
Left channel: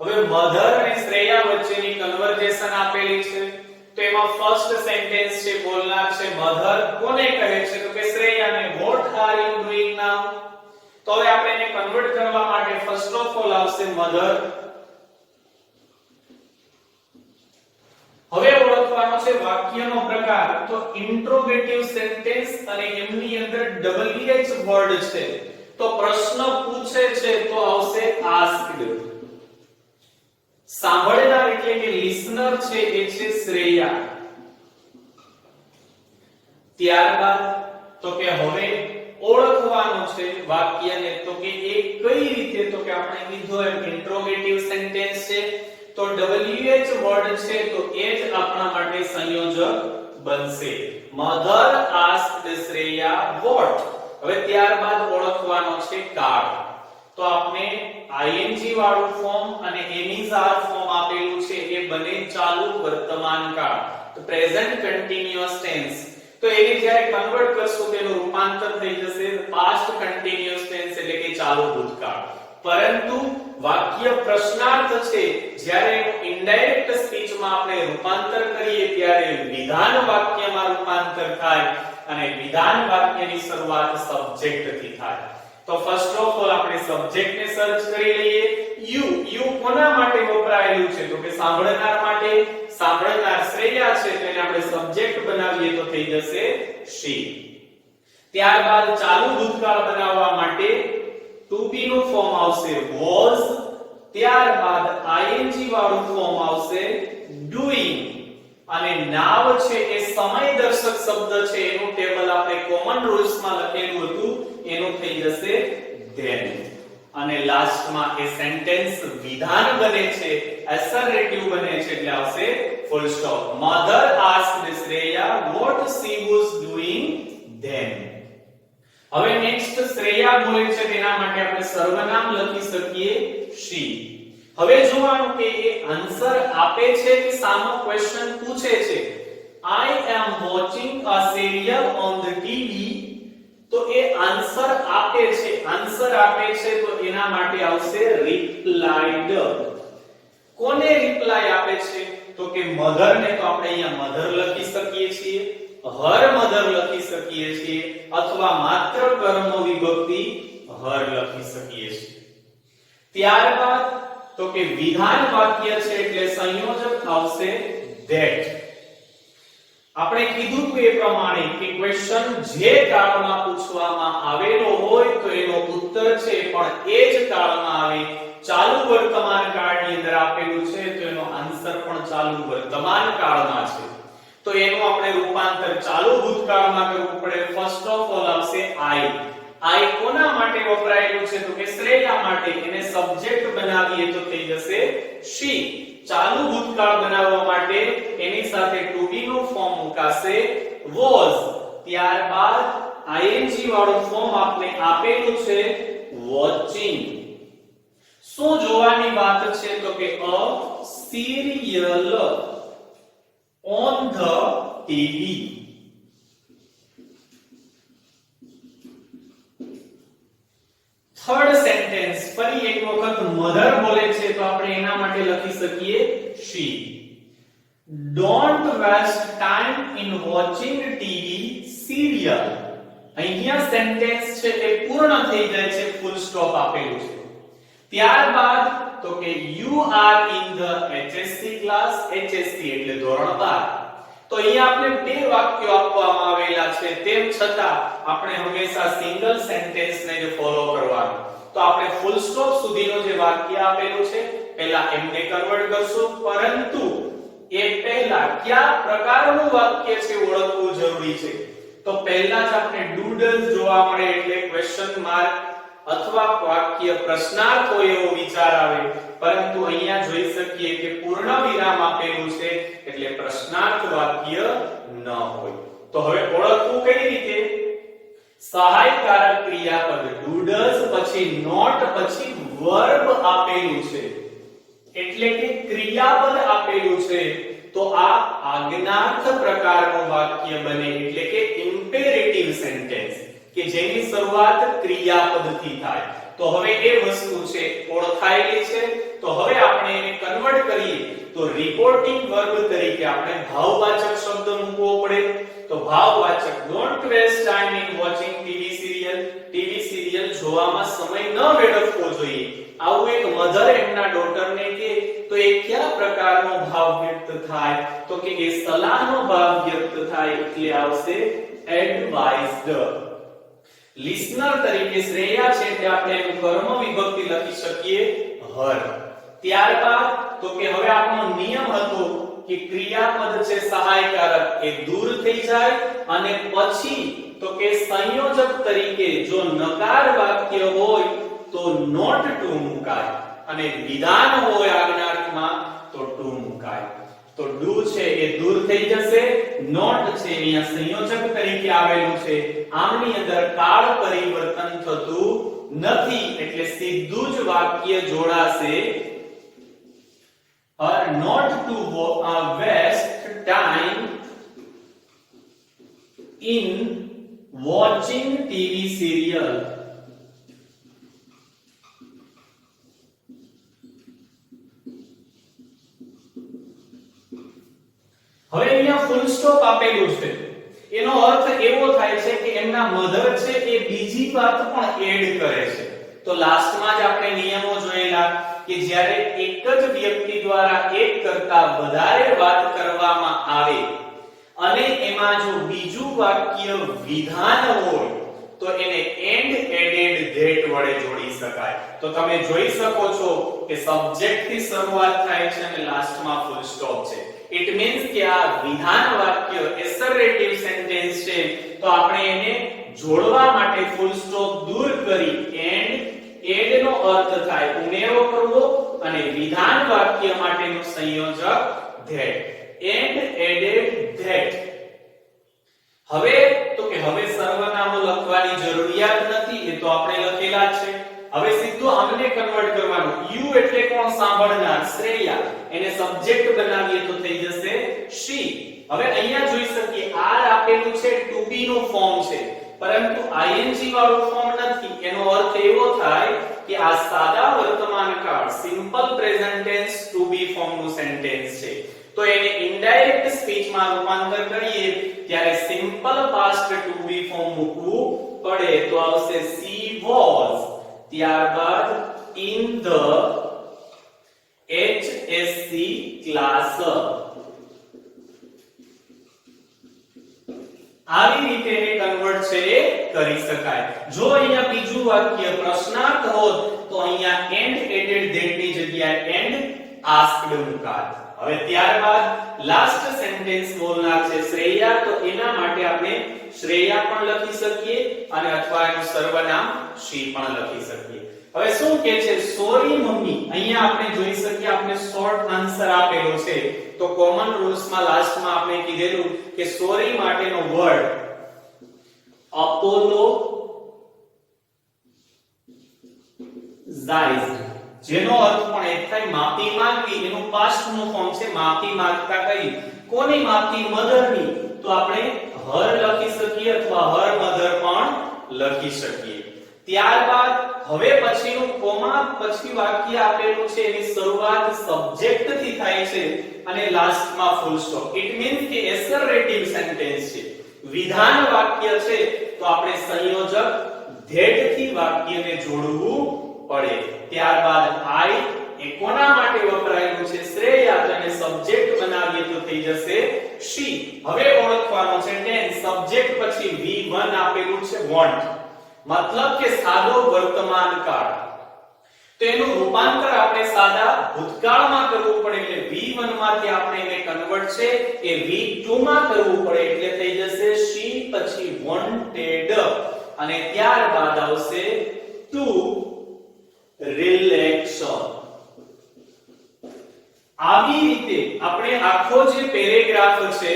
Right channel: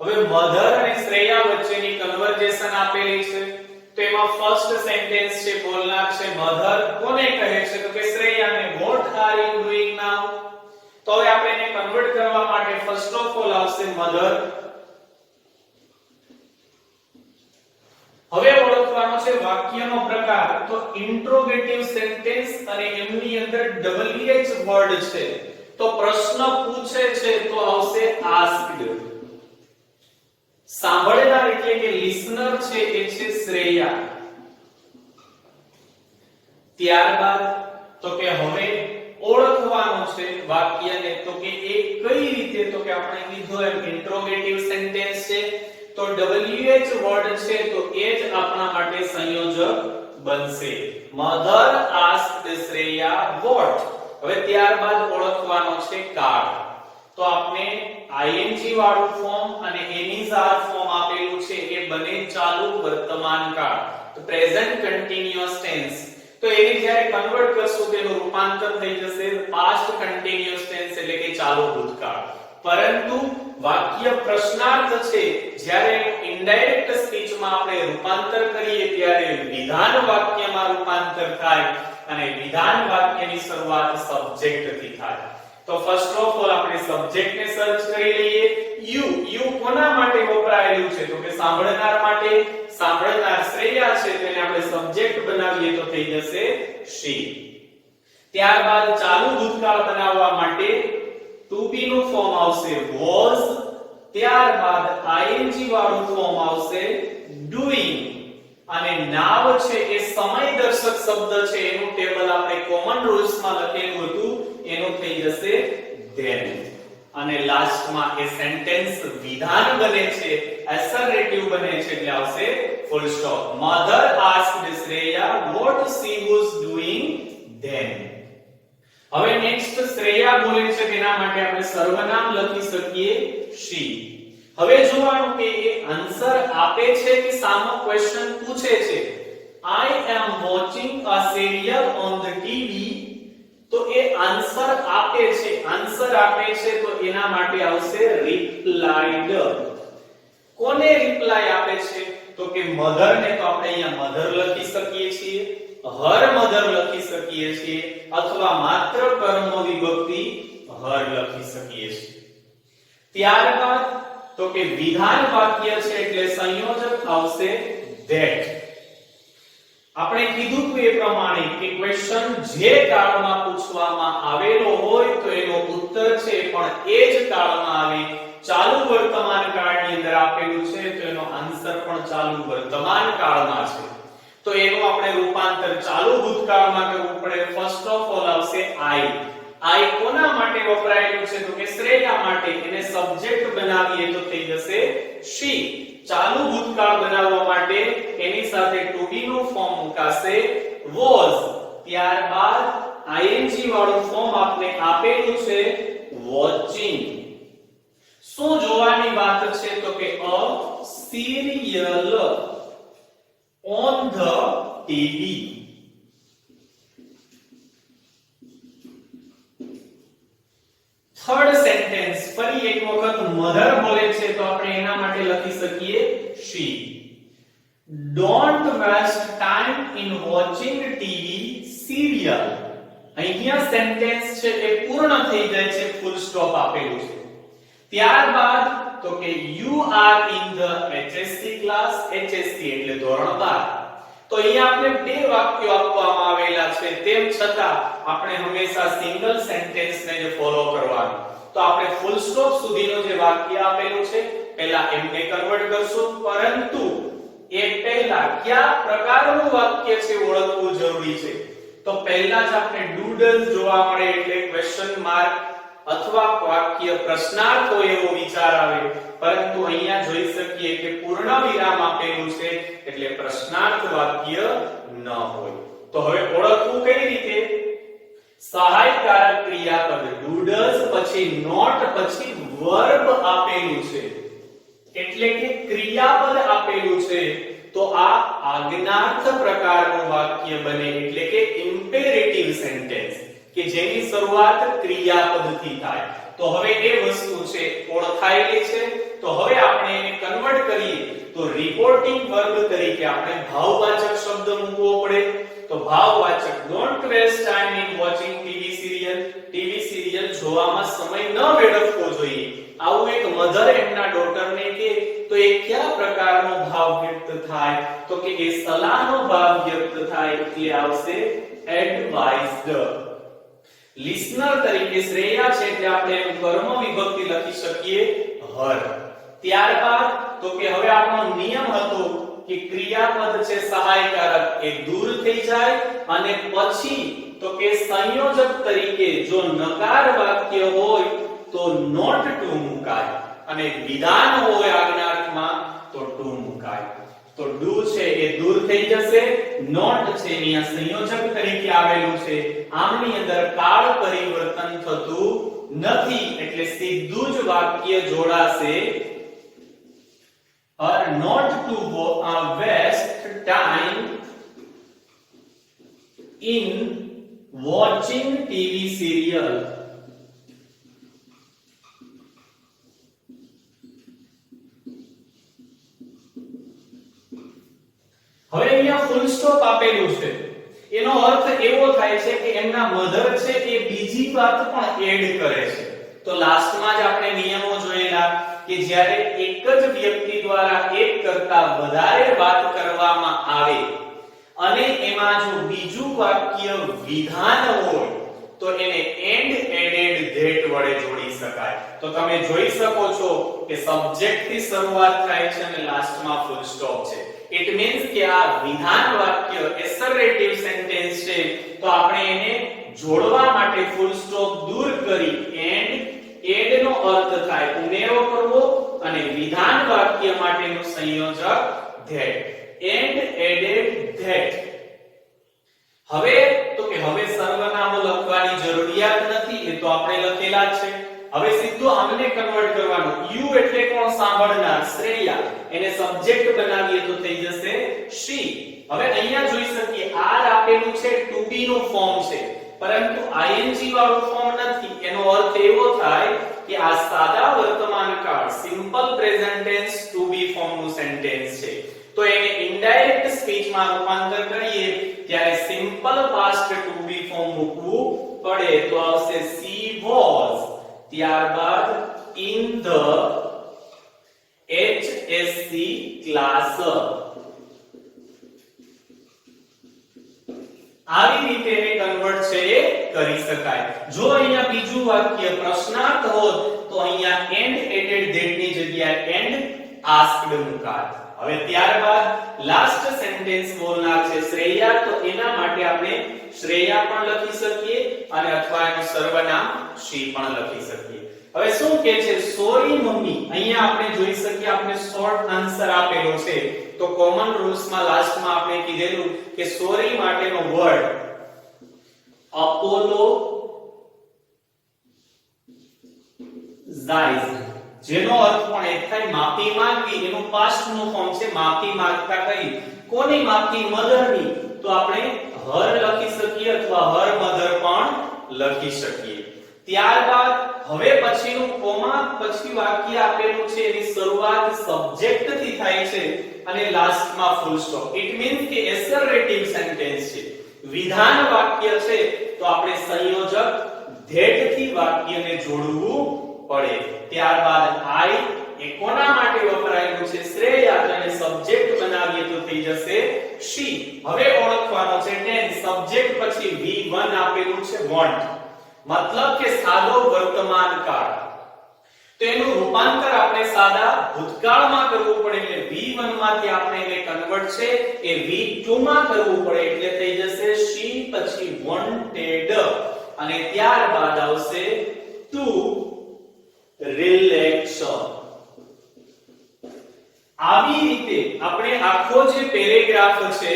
હવે મધર અને શ્રેયા વચ્ચેની કન્વર્જેશન આપેલી છે તો એમાં ફર્સ્ટ સેન્ટેન્સ છે બોલનાર છે મધર, કોને કહે છે તો કે શ્રેયાને. what are you doing now? તો હવે આપણે એને કન્વર્ટ કરવા માટે ફર્સ્ટ ઓફ ઓલ આવશે મધર. હવે ઓળખવાનો છે વાક્યનો પ્રકાર, તો ઇન્ટ્રોગેટિવ સેન્ટેન્સ અને એમની અંદર WH વર્ડ છે તો પ્રશ્ન પૂછે છે તો આવશે asked. સાંભળનાર એટલે કે લિસનર છે એ છે શ્રેયા. ત્યારબાદ તો કે હવે ઓળખવાનું છે વાક્યને તો કે એ કઈ રીતે, તો કે આપણે કીધું એમ ઇન્ટ્રોગેટિવ સેન્ટેન્સ છે તો WH વર્ડ છે તો એ જ આપણા માટે સંયોજક બનશે. Mother asked Shreya what. હવે ત્યારબાદ ઓળખવાનો છે કાળ, તો આપણે ING વાળું ફોર્મ અને એનિઝાર ફોર્મ આપેલું છે એ બને ચાલુ વર્તમાન કાળ, પ્રેઝન્ટ કન્ટિન્યુઅસ ટેન્સ. તો એની જ્યારે કન્વર્ટ કરશું તેનું રૂપાંતર થઈ જશે પાસ્ટ કન્ટિન્યુઅસ ટેન્સ એટલે કે ચાલુ ભૂતકાળ. પરંતુ વાક્ય પ્રશ્નાર્થ છે જ્યારે ઇનડાયરેક્ટ સ્પીચમાં આપણે રૂપાંતર કરીએ ત્યારે વિધાન વાક્યમાં રૂપાંતર થાય અને વિધાન વાક્યની શરૂઆત સબ્જેક્ટ થી થાય. તો ફર્સ્ટ ઓફ ઓલ આપણે સબ્જેક્ટ ને સર્ચ કરી લઈએ. યુ કોના માટે વપરાયેલું છે તો કે સાંભળનાર માટે. સાંભળનાર શ્રેયા છે તેને આપણે સબ્જેક્ટ બનાવીએ તો થઈ જશે she. ત્યારબાદ ચાલુ ભૂતકાળ બનાવવા માટે to be નું ફોર્મ આવશે was. ત્યારબાદ ING વાળું ફોર્મ આવશે doing. અને now છે એ સમય દર્શક શબ્દ છે એનું ટેબલ આપણે કોમન રૂલ્સ માં લખેલું હતું એનું થઈ જશે then. અને લાસ્ટમાં એ સેન્ટેન્સ વિધાન બને છે, એસર્વેટિવ બને છે એટલે આવશે full stop. Mother asked Shreya what she was doing then. હવે નેક્સ્ટ શ્રેયા બોલે છે તેના માટે આપણે સર્વનામ લખી શકીએ she. હવે જોવાનું કે એ આન્સર આપે છે કે સામો ક્વેશ્ચન પૂછે છે. I am watching a serial on the TV. તો એ આન્સર આપે છે. આન્સર આપે છે તો એના માટે આવશે રિપ્લાઇડ. કોને રિપ્લાય આપે છે તો કે મધર ને. તો આપણે અહીંયા મધર લખી શકીએ છીએ, હર મધર લખી શકીએ છીએ અથવા માત્ર કર્મ વિભક્તિ હર લખી શકીએ છીએ. ત્યારબાદ તો કે વિધાન વાક્ય છે એટલે સંયોજક આવશે that. આપણે કીધું કે એ પ્રમાણે કે ક્વેશ્ચન જે કાળમાં પૂછવામાં આવેલો હોય તો એનો ઉત્તર છે પણ એ જ કાળમાં આવે. ચાલુ વર્તમાન કાળની અંદર આપેલું છે તો એનો આન્સર પણ ચાલુ વર્તમાન કાળમાં છે. તો એનું આપણે રૂપાંતર ચાલુ ભૂતકાળમાં કરવું પડે. ફર્સ્ટ ઓફ ઓલ આવશે I કોના માટે વપરાયેલું છે તો કે શ્રેયા માટે. એને સબ્જેક્ટ બનાવીએ તો થઈ જશે she. ચાલુ ભૂતકાળ બનાવવા માટે એની સાથે to be નું ફોર્મ મુકાશે was. ત્યારબાદ ING વાળું ફોર્મ આપણે આપેલું છે watching. શું જોવાની વાત છે તો કે a serial on the TV. Third sentence ફરી એક વખત મધર બોલે છે તો આપણે એના માટે લખી શકીએ she. Don't waste time in watching TV serial. અહીંયા સેન્ટેન્સ છે એ પૂર્ણ થઈ જાય છે, ફૂલ સ્ટોપ આપેલું છે. ત્યારબાદ તો કે you are in the HSC class. HSC એટલે ધોરણ 12. તો અહીંયા આપણે બે વાક્યો આપવામાં આવેલા છે, તેમ છતાં આપણે હંમેશા સિંગલ સેન્ટેન્સ ને જ ફોલો કરવાનું. તો આપણે ફૂલ સ્ટોપ સુધીનું જે વાક્ય આપેલું છે પહેલા એમને કન્વર્ટ કરશું, પરંતુ એ પહેલા કયા પ્રકારનું વાક્ય છે ઓળખવું જરૂરી છે. તો પહેલા જ આપણે ડૂડલ જોવા મળે એટલે ક્વેશ્ચન માર્ક અથવા વાક્ય પ્રશ્નાર્થ હોય એવો વિચાર આવે, પરંતુ અહીંયા જોઈ શકીએ કે પૂર્ણ વિરામ આપેલું છે એટલે પ્રશ્નાર્થ વાક્ય ન હોય. તો હવે ઓળખવું કઈ રીતે? સહાયકારક ક્રિયાપદ ડૂડલ્સ પછી નોટ પછી વર્બ આપેલું છે એટલે કે ક્રિયાપદ આપેલું છે, તો આ આજ્ઞાર્થ પ્રકારનું વાક્ય બને એટલે કે ઇમ્પેરેટિવ સેન્ટેન્સ કે જેની શરૂઆત ક્રિયાપદથી થાય. તો હવે એ વસ્તુ છે ઓળખાયેલી છે. તો હવે આપણે એને કન્વર્ટ કરીએ તો રિપોર્ટિંગ વર્બ તરીકે આપણે ભાવવાચક શબ્દ મૂકવો પડે. તો ભાવવાચક don't waste time in watching TV serial. TV serial જોવામાં સમય ન વેડફવો જોઈએ. આવું એક મધર એમના ડોટરને કહે તો એ કયા પ્રકારનો ભાવ વ્યક્ત થાય? તો કે એ સલાહનો ભાવ વ્યક્ત થાય એટલે આવશે એડવાઇઝડ. લિસનર તરીકે શ્રેયા છે એટલે આપણે એનું કર્મ વિભક્તિ લખી શકીએ હર. ત્યારબાદ તો કે હવે આપણો નિયમ હતો કે ક્રિયાપદ છે સહાયકારક એ દૂર થઈ જાય અને પછી તો કે સંયોજક તરીકે જો નકાર વાક્ય હોય તો નોટ ટુ મુકાય અને વિધાન હોય આજ્ઞાર્થમાં તો ટુ મુકાય. તો ડુ છે એ દૂર થઈ જશે, નોટ છે અહીંયા સંયોજક તરીકે આવેલું છે, આમની અંદર કાળ પરિવર્તન થતું નથી એટલે સીધું જ વાક્ય જોડાશે not to waste time in watching TV serial. હવે અહીંયા ફૂલ સ્ટોપ આપેલું છે, એનો અર્થ એવો થાય છે કે એમના મધર છે એ બીજી વાત પણ એડ કરે છે. તો લાસ્ટમાં જ આપણે નિયમો જોયેલા કે જ્યારે એક જ વ્યક્તિ દ્વારા એક કરતા વધારે વાત કરવામાં આવે અને એમાં જો બીજું વાક્ય વિધાન હોય તો એને એન્ડ એડેડ ધેટ વડે જોડી શકાય. તો તમે જોઈ શકો છો કે સબ્જેક્ટ થી શરૂઆત થાય છે અને લાસ્ટમાં ફૂલ સ્ટોપ છે. ઇટ મીન્સ કે આ વિધાન વાક્ય એસરેટિવ સેન્ટેન્સ છે, તો આપણે એને જોડવા માટે ફૂલ સ્ટોપ દૂર કરી એન્ડ એડ નો અર્થ થાય ઉમેરો કરવો અને વિધાન વાક્ય માટેનું સંયોજક ધેટ. And added that. હવે તો કે હવે સર્વનામો લખવાની જરૂરિયાત નથી, એ તો આપણે લખેલા છે. હવે સીધું આમને કન્વર્ટ કરવાનું. યુ એટલે કોણ? સાંભળનાર શ્રેયા. એને સબ્જેક્ટ બનાવીએ તો થઈ જશે she. હવે અહીંયા જોઈ શકીએ આર આપેલું છે ટુ બી નું ફોર્મ છે, પરંતુ ing વાળું ફોર્મ નથી. એનો અર્થ એવો થાય કે આ સાદા વર્તમાન કાળ simple present tense to be form નું સેન્ટેન્સ છે. તો એને ઇનડાયરેક્ટ સ્પીચ માં રૂપાંતર કરીએ ત્યારે simple past to be form મૂકવું પડે. તો આવશે she was, ત્યારબાદ in the HSC class. આવી રીતે કન્વર્ટ છે એ કરી શકાય. જો અહીંયા બીજું વાક્ય પ્રશ્નાર્થ હોત તો અહીંયા એન્ડ એડેડ ધેટ ની જગ્યાએ એન્ડ આસ્ક્ડ મુકાત. હવે ત્યારબાદ લાસ્ટ સેન્ટેન્સ બોલનાર છે શ્રેયા, તો એના માટે આપણે શ્રેયા પણ લખી શકીએ અને અથવા એનું સર્વનામ she પણ લખી શકીએ. હવે શું કહે છે? Sorry mummy. અહીંયા આપણે જોઈ શકીએ આપણે શોર્ટ આન્સર આપેલો છે. તો કોમન રૂલ્સ માં લાસ્ટમાં આપણે કીધેલું કે સોરી માટેનો વર્ડ અપોલો ઝાઇઝ જેનો અર્થ પણ એક થાય માફી માંગવી, એનું પાસ્ટ નું ફોર્મ છે માફી માંગતા કઈ. કોની માફી? મધરની. તો આપણે હર લખી શકીએ અથવા હર મધર પણ લખી શકીએ. ત્યારબાદ હવે પછીનું કોમા પછી વાક્ય આપેલું છે એની શરૂઆત સબ્જેક્ટ થી થાય છે અને લાસ્ટમાં ફૂલ સ્ટોપ. ઇટ મીન્સ કે એસરેટિવ સેન્ટેન્સ છે, વિધાન વાક્ય છે, તો આપણે સંયોજક ધેટ થી વાક્યને જોડવું પડે. ત્યારબાદ આઈ એ કોના માટે વપરાયેલું છે? શ્રેયા. અને સબ્જેક્ટ બનાવીએ તો થઈ જશે શી. હવે ઓળખવાનો છે ટેન્સ. સબ્જેક્ટ પછી V1 આપેલું છે વોન્ટ, મતલબ કે સાદો વર્તમાન કાળ. તો એનું રૂપાંતર આપણે સાદા ભૂતકાળમાં કરવું પડે એટલે V1 માંથી આપણે એને કન્વર્ટ છે એ V2 માં કરવું પડે એટલે થઈ જશે she પછી wanted અને ત્યારબાદ આવશે to relaxation. આવી રીતે આપણે આખો જે પેરેગ્રાફ છે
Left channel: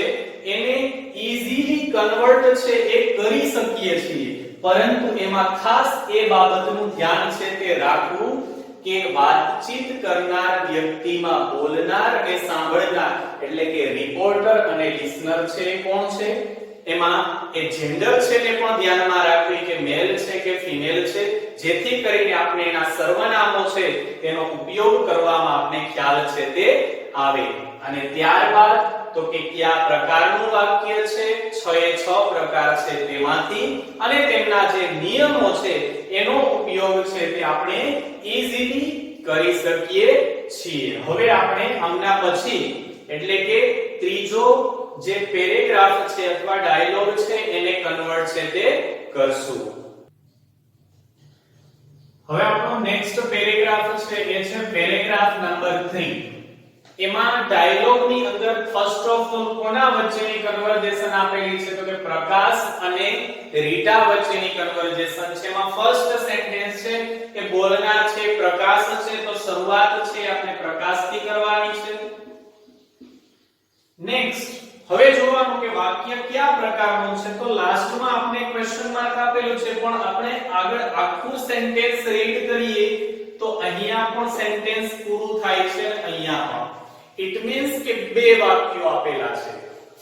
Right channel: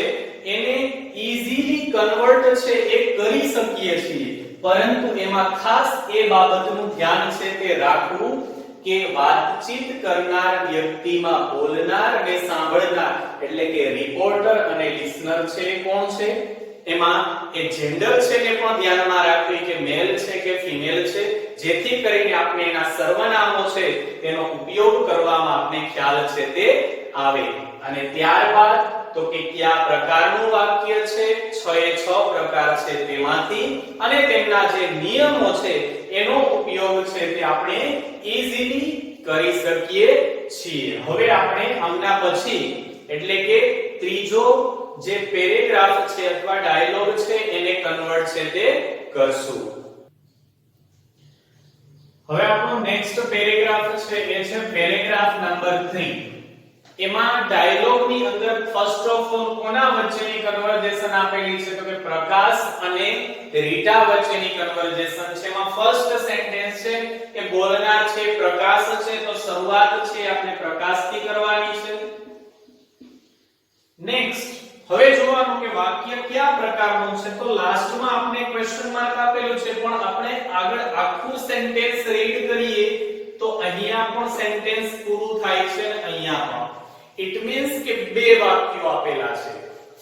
એને ઈઝીલી કન્વર્ટ છે એ કરી શકીએ છીએ, પરંતુ એમાં ખાસ એ બાબતનું ધ્યાન છે કે રાખવું કે વાતચીત કરનાર વ્યક્તિમાં બોલનાર અને સાંભળનાર એટલે કે રિપોર્ટર અને લિસનર છે કોણ છે, એમાં એ જેન્ડર છે ને પણ ધ્યાનમાં રાખવી કે મેલ છે કે ફિમેલ છે, જેથી કરીને આપણે એના સર્વનામો છે તેનો ઉપયોગ કરવામાં આપણે ખ્યાલ છે તે આવે. અને ત્યારબાદ તો કે કયા પ્રકારનું વાક્ય છે? 6 એ 6 પ્રકાર છે તેમાંથી અને તેમના જે નિયમો છે એનો ઉપયોગ છે તે આપણે ઈઝીલી કરી શકીએ છીએ. હવે આપણે આમના પછી એટલે કે ત્રીજો જે પેરેગ્રાફ છે અથવા ડાયલોગ છે એને કન્વર્ટ છે તે કરશું. હવે આપણો નેક્સ્ટ પેરેગ્રાફ છે એ છે પેરેગ્રાફ નંબર 3. એમાં ડાયલોગ ની અંદર ફર્સ્ટ ઓફ ઓલ કોના વચ્ચેની કન્વર્ઝેશન આપેલી છે? તો કે પ્રકાશ અને રીટા વચ્ચેની કન્વર્ઝેશન છે. એમાં ફર્સ્ટ સેન્ટેન્સ છે કે બોલનાર છે પ્રકાશ છે, તો શરૂઆત છે આપણે પ્રકાશથી કરવાની છે. નેક્સ્ટ હવે જોવાનું કે વાક્ય કયા પ્રકારનું છે, તો લાસ્ટમાં આપણે ક્વેશ્ચન માર્ક આપેલું છે, પણ આપણે આગળ આખું સેન્ટેન્સ રીડ કરીએ તો અહીંયા પણ સેન્ટેન્સ પૂરું થાય છે અને અહીંયા પણ. ઇટ મીન્સ કે બે વાક્યો આપેલા છે.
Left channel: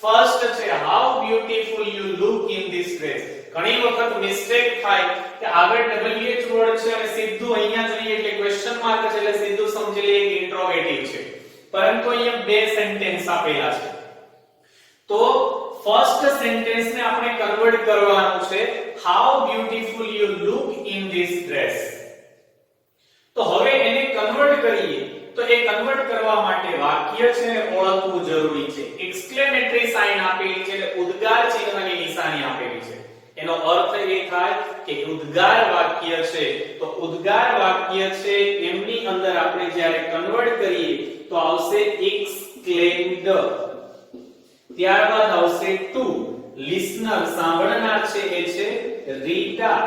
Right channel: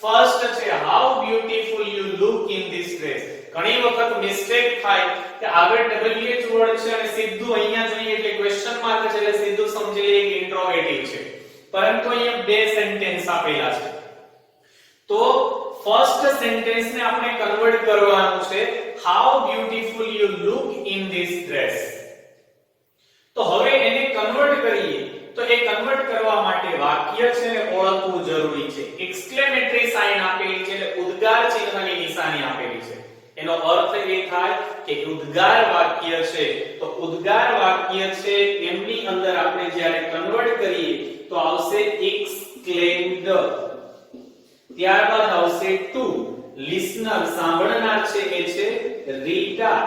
ફર્સ્ટ છે how beautiful you look in this dress. ઘણી વખત મિસ્ટેક થાય કે આગળ WH વર્ડ છે અને સીધું અહીંયા જોઈએ કે ક્વેશ્ચન માર્ક છે એટલે સીધું સમજી લઈએ કે ઇન્ટ્રોગેટિવ છે, પરંતુ અહીંયા બે સેન્ટેન્સ આપેલા છે. તો ફર્સ્ટ સેન્ટેન્સ ને આપણે કન્વર્ટ કરવાનું છે how beautiful you look in this dress. તો હવે એને કન્વર્ટ કરીએ તો એ કન્વર્ટ કરવા માટે વાક્ય છે ને ઓળખવું જરૂરી છે. એક્સક્લેમેટરી સાઇન આપેલી છે એટલે ઉદ્ગાર ચિહ્નની નિશાની આપેલી છે. એનો અર્થ એ થાય કે ઉદ્ગાર વાક્ય છે, તો ઉદ્ગાર વાક્ય છે એમની અંદર આપણે જ્યારે કન્વર્ટ કરીએ તો આવશે એક્સક્લેમ્ડ, ત્યારબાદ આવશે ટુ, લિસનર સાંભળનાર છે એ છે રીટા,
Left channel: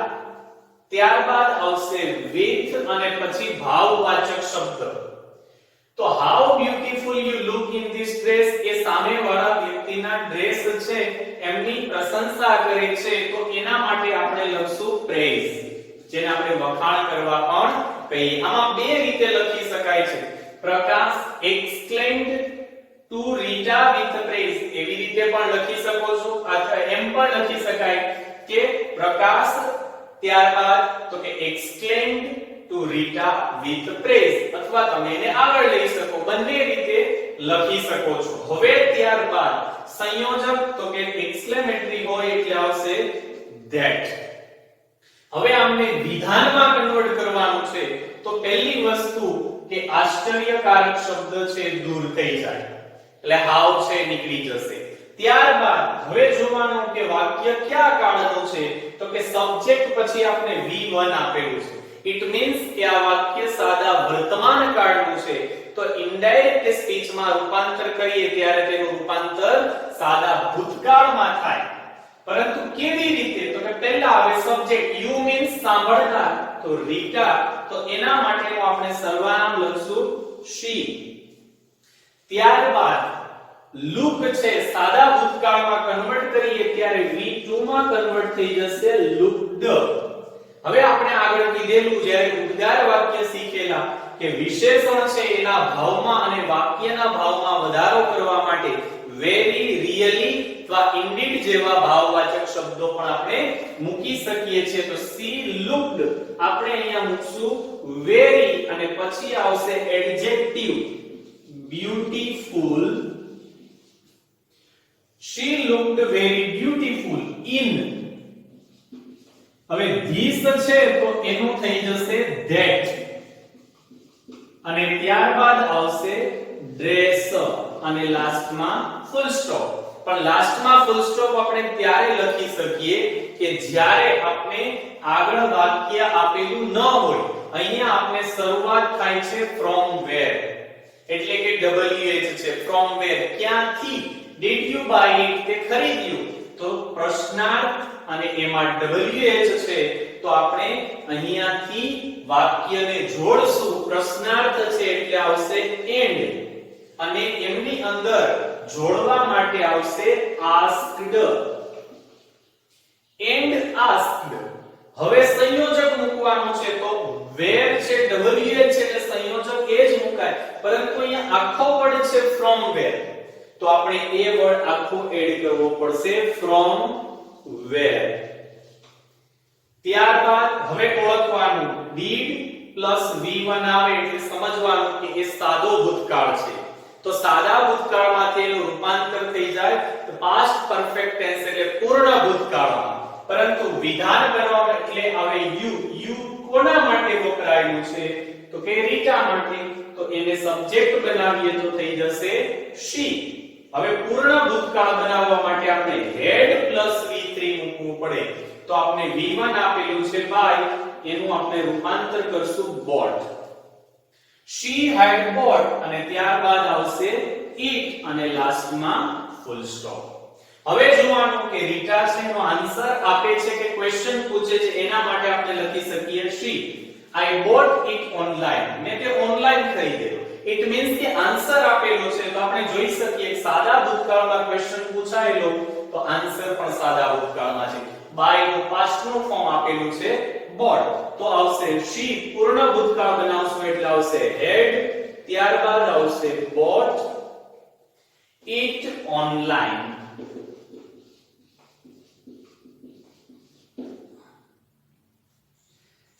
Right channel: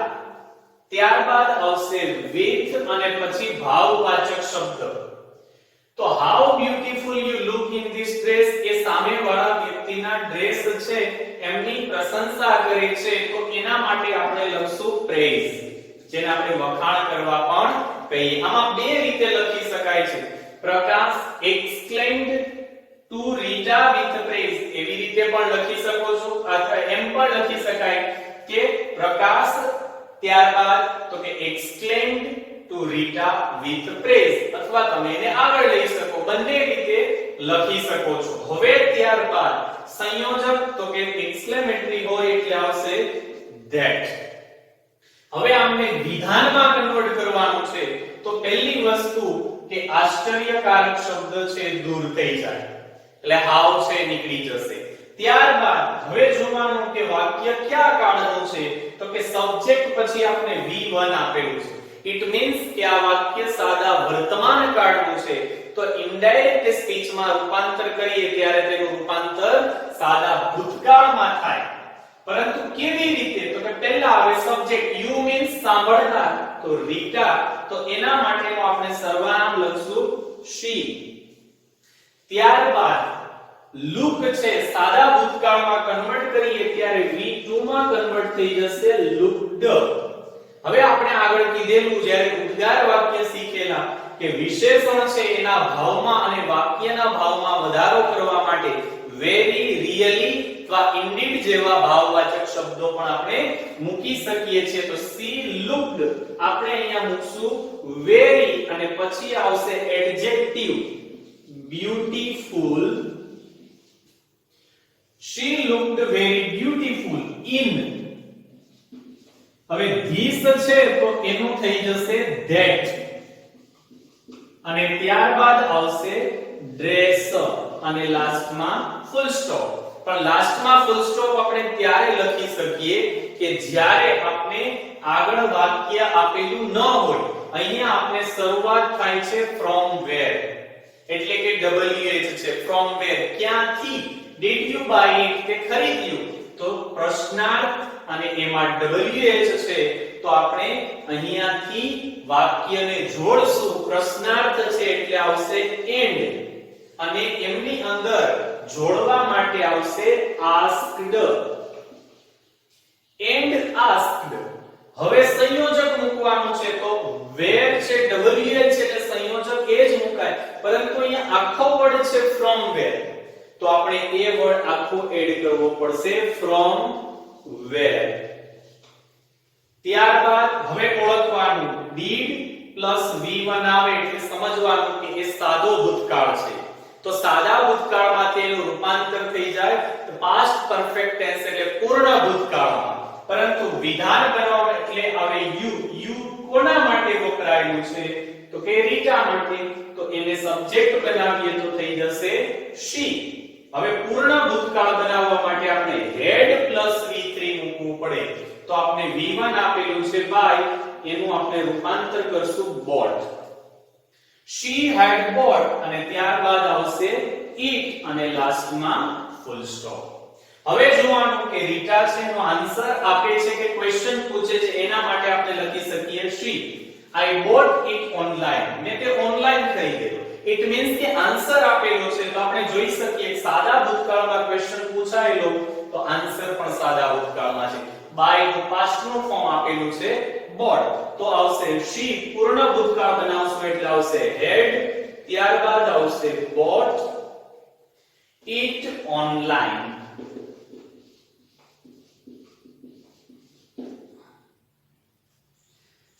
ત્યારબાદ આવશે વિથ અને પછી ભાવવાચક શબ્દ. તો how beautiful you look in this dress એ સામેવાળા વ્યક્તિના ડ્રેસ છે એમની પ્રશંસા કરે છે, તો એના માટે આપણે લખશું પ્રેઝ, જેને આપણે વખાણ કરવા પણ કહીએ. આમાં બે રીતે લખી શકાય છે. Prakash exclaimed to Rita with praise એવી રીતે પણ લખી શકો છો, અથવા એમ પણ લખી શકાય કે પ્રકાશ ત્યારબાદ તો કે exclaimed to Rita with praise, અથવા તમે એને આગળ લઈ શકો, બંને રીતે લખી શકો છો. હવે ત્યારબાદ સંયોજક તો કે એક્સક્લેમેટરી હોય એટલે આવશે ધેટ. હવે આમને વિધાનમાં કન્વર્ટ કરવાનું છે તો પહેલી વસ્તુ કે આશ્ચર્યકારક શબ્દ છે દૂર થઈ જાય એટલે હાવ છે નીકળી જશે. ત્યારબાદ હવે જોવાનું કે વાક્ય કયા કાળનું છે, તો કે સબ્જેક્ટ પછી આપણે V1 આપેલું છે. ઇટ મીન્સ કે આ વાક્ય સાદા વર્તમાન કાળનું છે, તો ઇનડાયરેક્ટ સ્પીચમાં રૂપાંતર કરીએ ત્યારે તેનું રૂપાંતર સાદા ભૂતકાળમાં થાય. પરંતુ કેવી રીતે, તો કે પહેલા આવે સબ્જેક્ટ, યુ મીન્સ સાંભળનાર, તો રીટા, તો એના માટેનું આપણે સર્વનામ લખશું she. ત્યારબાદ લુક છે સાદા ભૂતકાળમાં કન્વર્ટ કરીએ ત્યારે V2 માં કન્વર્ટ થઈ જશે looked. હવે આપણે આગળ કીધેલું જ્યારે ઉદ્ગાર વાક્ય શીખેલા કે વિશેષણ છે એના ભાવમાં અને વાક્યના ભાવમાં વધારો કરવા માટે વેરી, રિયલી અથવા ઇન્ડીડ જેવા ભાવવાચક શબ્દો પણ આપણે મૂકી શકીએ છીએ. તો she looked આપણે અહીંયા મૂકશું વેરી અને પછી આવશે adjective beautiful. She looked very beautiful in. હવે this છે તો એનું થઈ જશે that અને ત્યારબાદ આવશે dress અને લાસ્ટમાં ફૂલ સ્ટોપ. પણ લાસ્ટમાં ફૂલ સ્ટોપ આપણે ત્યારે લખી શકીએ કે જ્યારે આપણે આગળ વાક્ય આપેલું ન હોય. અહીંયા આપણે શરૂઆત થાય છે from where એટલે કે WH છે from where ક્યાંથી. did you buy it તે ખરીદ્યું તો પ્રશ્નાર્થ અને એમાં WH છે તો આપણે અહીંયાથી વાક્યને જોડશું. પ્રશ્નાર્થ છે એટલે આવશે and અને એમની અંદર જોડવા માટે આવશે asked and asked. હવે સંયોજક મૂકવાનું છે તો where છે WH છે એટલે સંયોજક એ જ મુકાય, પરંતુ અહીંયા આખો વર્ડ છે from where તો આપણે એ વર્ડ આખો એડ કરવો પડશે from where. ત્યારબાદ હવે ઓળખવાનું did પ્લસ V1 આવે એટલે સમજવાનું કે એ સાદો ભૂતકાળ છે. તો સાદા ભૂતકાળમાંથી એનું રૂપાંતર થઈ જાય તો પાસ્ટ પરફેક્ટ ટેન્સ એટલે પૂર્ણ ભૂતકાળમાં. પરંતુ વિધાન બનાવવા એટલે આવે યુ કોના માટે વપરાયેલું છે તો કે રીટા માટે. તો એને સબ્જેક્ટ બનાવીએ તો થઈ જશે she. હવે પૂર્ણ ભૂતકાળ બનાવવા માટે આપણે had પ્લસ V3 મૂકવું પડે તો આપણે V1 આપેલું છે by એનું આપણે રૂપાંતર કરશું bought. she had bought અને ત્યારબાદ આવશે it અને લાસ્ટમાં ફૂલ સ્ટોપ. હવે જોવાનું કે રીટા છે એનો આન્સર આપે છે કે ક્વેશ્ચન પૂછે છે એના માટે આપણે લખી શકીએ she. I bought it online મેં તે ઓનલાઈન ખરીદ્યો. It means કે આન્સર આપેલો છે તો આપણે જોઈ શકીએ સાદા ભૂતકાળમાં ક્વેશ્ચન પૂછાયેલો તો આન્સર પણ સાદા ભૂતકાળમાં છે. by નું past નું ફોર્મ આપેલું છે bought તો આવશે she. પૂર્ણ ભૂતકાળ બનાવશું એટલે આવશે had ત્યારબાદ આવશે bought it online.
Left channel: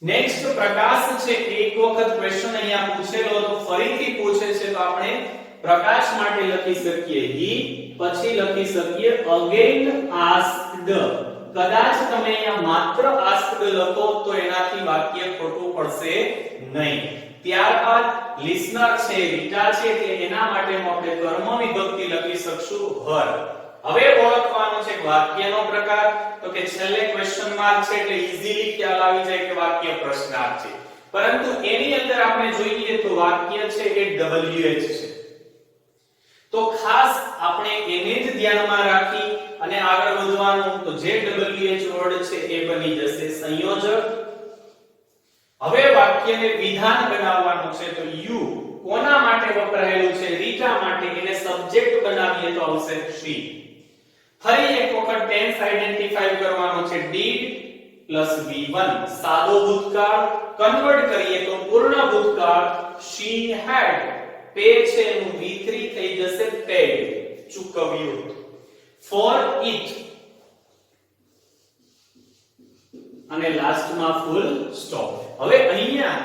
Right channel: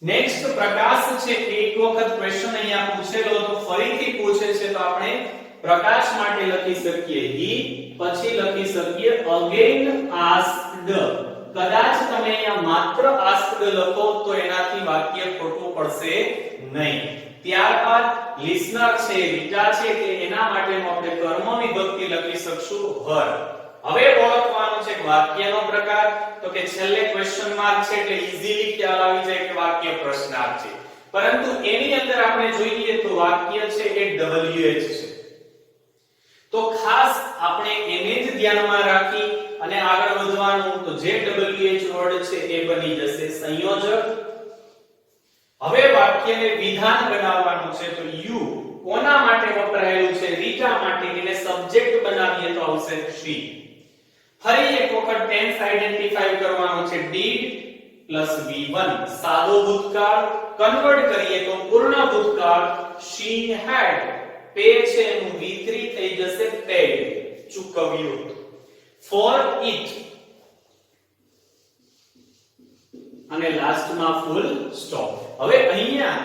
નેક્સ્ટ પ્રકાશ છે એક વખત ક્વેશ્ચન અહીંયા પૂછેલો તો ફરીથી પૂછે છે તો આપણે પ્રકાશ માટે લખી શકીએ he પછી લખી શકીએ again asked. કદાચ તમે અહીંયા માત્ર asked લખો તો એનાથી વાક્ય ખોટું પડશે નહીં. ત્યારબાદ listener છે રીટા છે એટલે એના માટે આપણે કર્મ વિભક્તિ લખી શકશું her. હવે ઓળખવાનું છે વાક્યનો પ્રકાર તો કે છેલ્લે ક્વેશ્ચન માર્ક છે એટલે ઈઝીલી ખ્યાલ આવી જાય કે વાક્ય પ્રશ્નાર્થ છે. પરંતુ એની અંદર આપણે જોઈએ તો વાક્ય છે એ WH છે. તો ખાસ આપણે એને જ ધ્યાનમાં રાખી અને આગળ વધવાનું તો જે WH વર્ડ છે એ બની જશે સંયોજક. હવે વાક્યને વિધાન બનાવવાનું છે તો you કોના માટે વપરાયેલું છે રીટા માટે એને સબ્જેક્ટ બનાવીએ તો આવશે she. ફરી એક વખત ટેન્સ આઈડેન્ટિફાઈ કરવાનું છે did પ્લસ V1 સાદો ભૂતકાળ કન્વર્ટ કરીએ તો પૂર્ણ ભૂતકાળ she had pay છે એનું V3 થઈ જશે paid ચૂકવ્યું. for it અને લાસ્ટમાં ફૂલ સ્ટોપ. હવે અહીંયા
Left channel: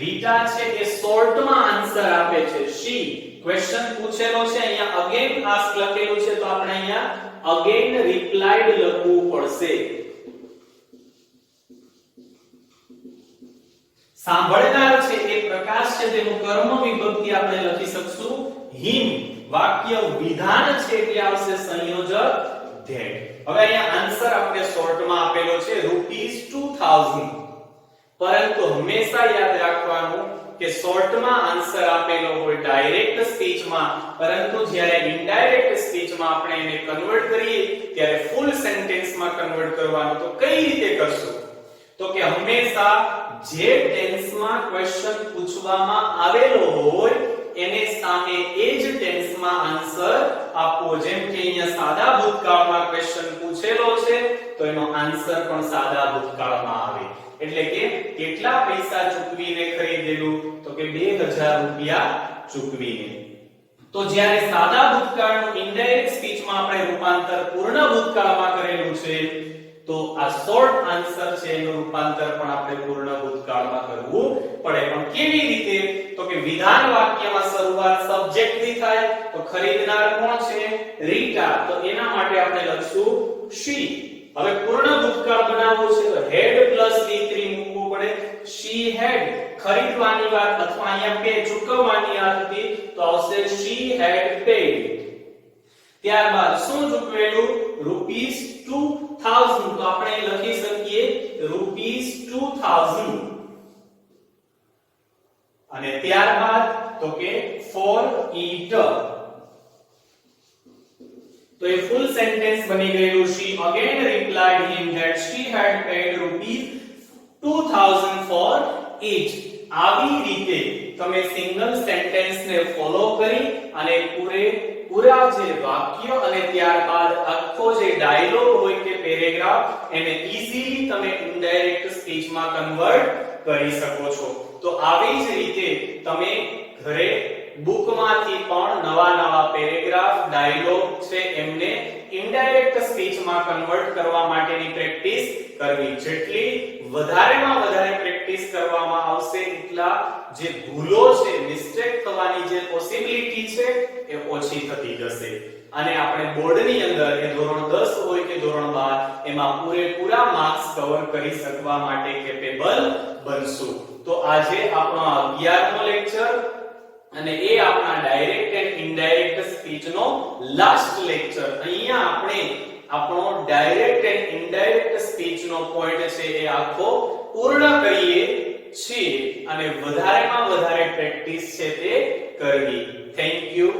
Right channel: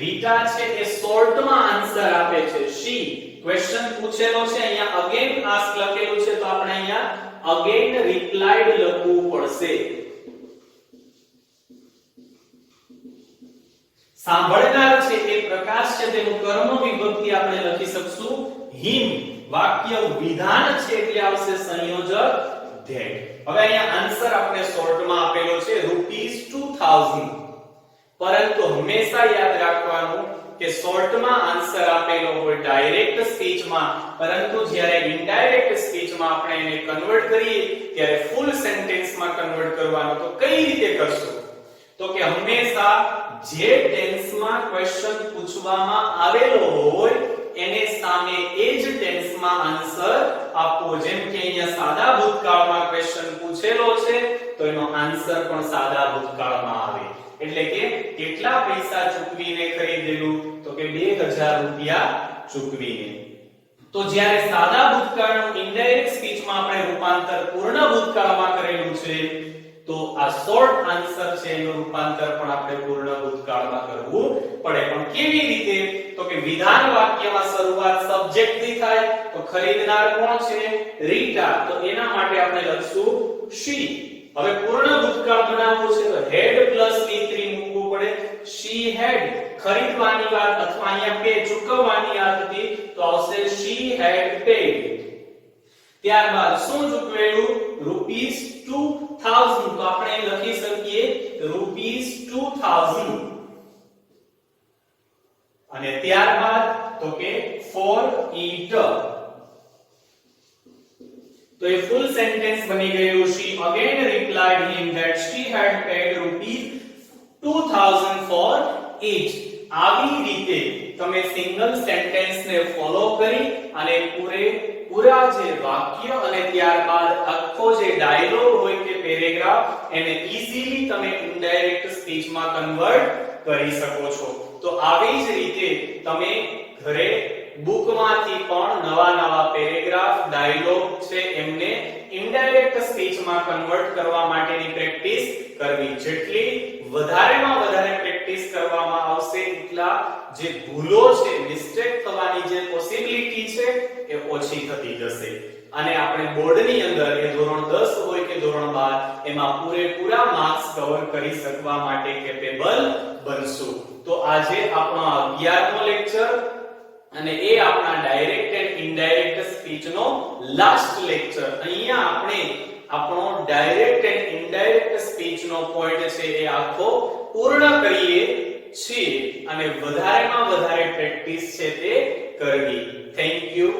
રીટા છે એ શોર્ટમાં આન્સર આપે છે she. ક્વેશ્ચન પૂછેલો છે અહીંયા અગેન આસ્ક લખેલું છે તો આપણે અહીંયા અગેન રિપ્લાઇડ લખવું પડશે. સાંભળનાર છે એ પ્રકાશ છે તેનું કર્મ વિભક્તિ આપણે લખી શકશું him. વાક્ય વિધાન છે એટલે આવશે સંયોજક that. હવે અહીંયા આન્સર આપણે શોર્ટમાં આપેલો છે ₹2000. પરંતુ હંમેશા યાદ રાખવાનું કે શોર્ટમાં આન્સર આપેલો હોય ડાયરેક્ટ સ્પીચમાં, પરંતુ જ્યારે ઇનડાયરેક્ટ સ્પીચમાં આપણે એને કન્વર્ટ કરીએ ત્યારે ફૂલ સેન્ટેન્સમાં કન્વર્ટ કરવાનું. તો કઈ રીતે કરશું તો કે હંમેશા જે ટેન્સમાં ક્વેશ્ચન પૂછવામાં આવેલો હોય એને સામે એ જ ટેન્સમાં આન્સર આપવો. જેમ કે અહીંયા સાદા ભૂતકાળમાં ક્વેશ્ચન પૂછેલો છે તો એનો આન્સર પણ સાદા ભૂતકાળમાં આવે. એટલે કે કેટલા પૈસા ચૂકવીને ખરીદેલું, તો કે 2000 રૂપિયા ચૂકવીને. તો જ્યારે સાદા ભૂતકાળનું ઇનડાયરેક્ટ સ્પીચમાં આપણે રૂપાંતર પૂર્ણ ભૂતકાળમાં કરેલું છે તો આ શોર્ટ આન્સર છે એનું રૂપાંતર પણ આપણે પૂર્ણ ભૂતકાળમાં કરવું પડે. પણ કેવી રીતે, તો કે વિધાન વાક્યમાં શરૂઆત સબ્જેક્ટથી થાય તો ખરીદનાર કોણ છે, રીટા, તો એના માટે આપણે લખશું she. હવે પૂર્ણ ભૂતકાળ બનાવવું છે તો had પ્લસ e3 મૂકવું પડે. she had ખરીદવાની વાત અથવા અહીંયા પે ચૂકવવાની વાત હતી તો આવશે she had paid. ત્યારબાદ શું ચૂકવેલું, ₹2000, તો આપણે લખી શકીએ ₹2000. અને ત્યારબાદ તો કે for it, તો એ ફૂલ સેન્ટેન્સ બની ગયું. she again replied him that she had paid ₹2000 for it. આવી રીતે તમે સિંગલ સેન્ટેન્સ ને ફોલો કરી અને પૂરા જે વાક્ય અને ત્યારબાદ આખો જે ડાયલોગ હોય કે પેરેગ્રાફ એને ઈઝીલી તમે ઇનડાયરેક્ટ સ્પીચમાં કન્વર્ટ કરી શકો છો. તો આવી જ રીતે તમે ઘરે બુકમાંથી પણ નવા પેરેગ્રાફ ડાયલોગ છે એમને ઇનડાયરેક્ટ સ્પીચમાં કન્વર્ટ કરવા માટેની પ્રેક્ટિસ કરવી. જેટલી વધારેમાં વધારે પ્રેક્ટિસ કરવામાં આવશે એટલા જે ભૂલો છે, મિસ્ટેક થવાની જે પોસિબિલિટી છે એ ઓછી થતી જશે. અને આપણે બોર્ડની અંદર એ ધોરણ 10 હોય કે ધોરણ 12 એમાં પૂરેપૂરા માર્ક્સ કવર કરી શકવા માટે કેપેબલ બનશું. તો આજે આપણો 11મો લેક્ચર અને એ આપણા ડાયરેક્ટ એન્ડ ઇનડાયરેક્ટ સ્પીચ નો લાસ્ટ લેક્ચર. અહીંયા આપણે આપણો ડાયરેક્ટ એન્ડ ઇનડાયરેક્ટ સ્પીચ નો પોઈન્ટ છે એ આખો પૂર્ણ કરીએ છીએ અને વધારેમાં વધારે પ્રેક્ટિસ છે તે કરવી. Thank you.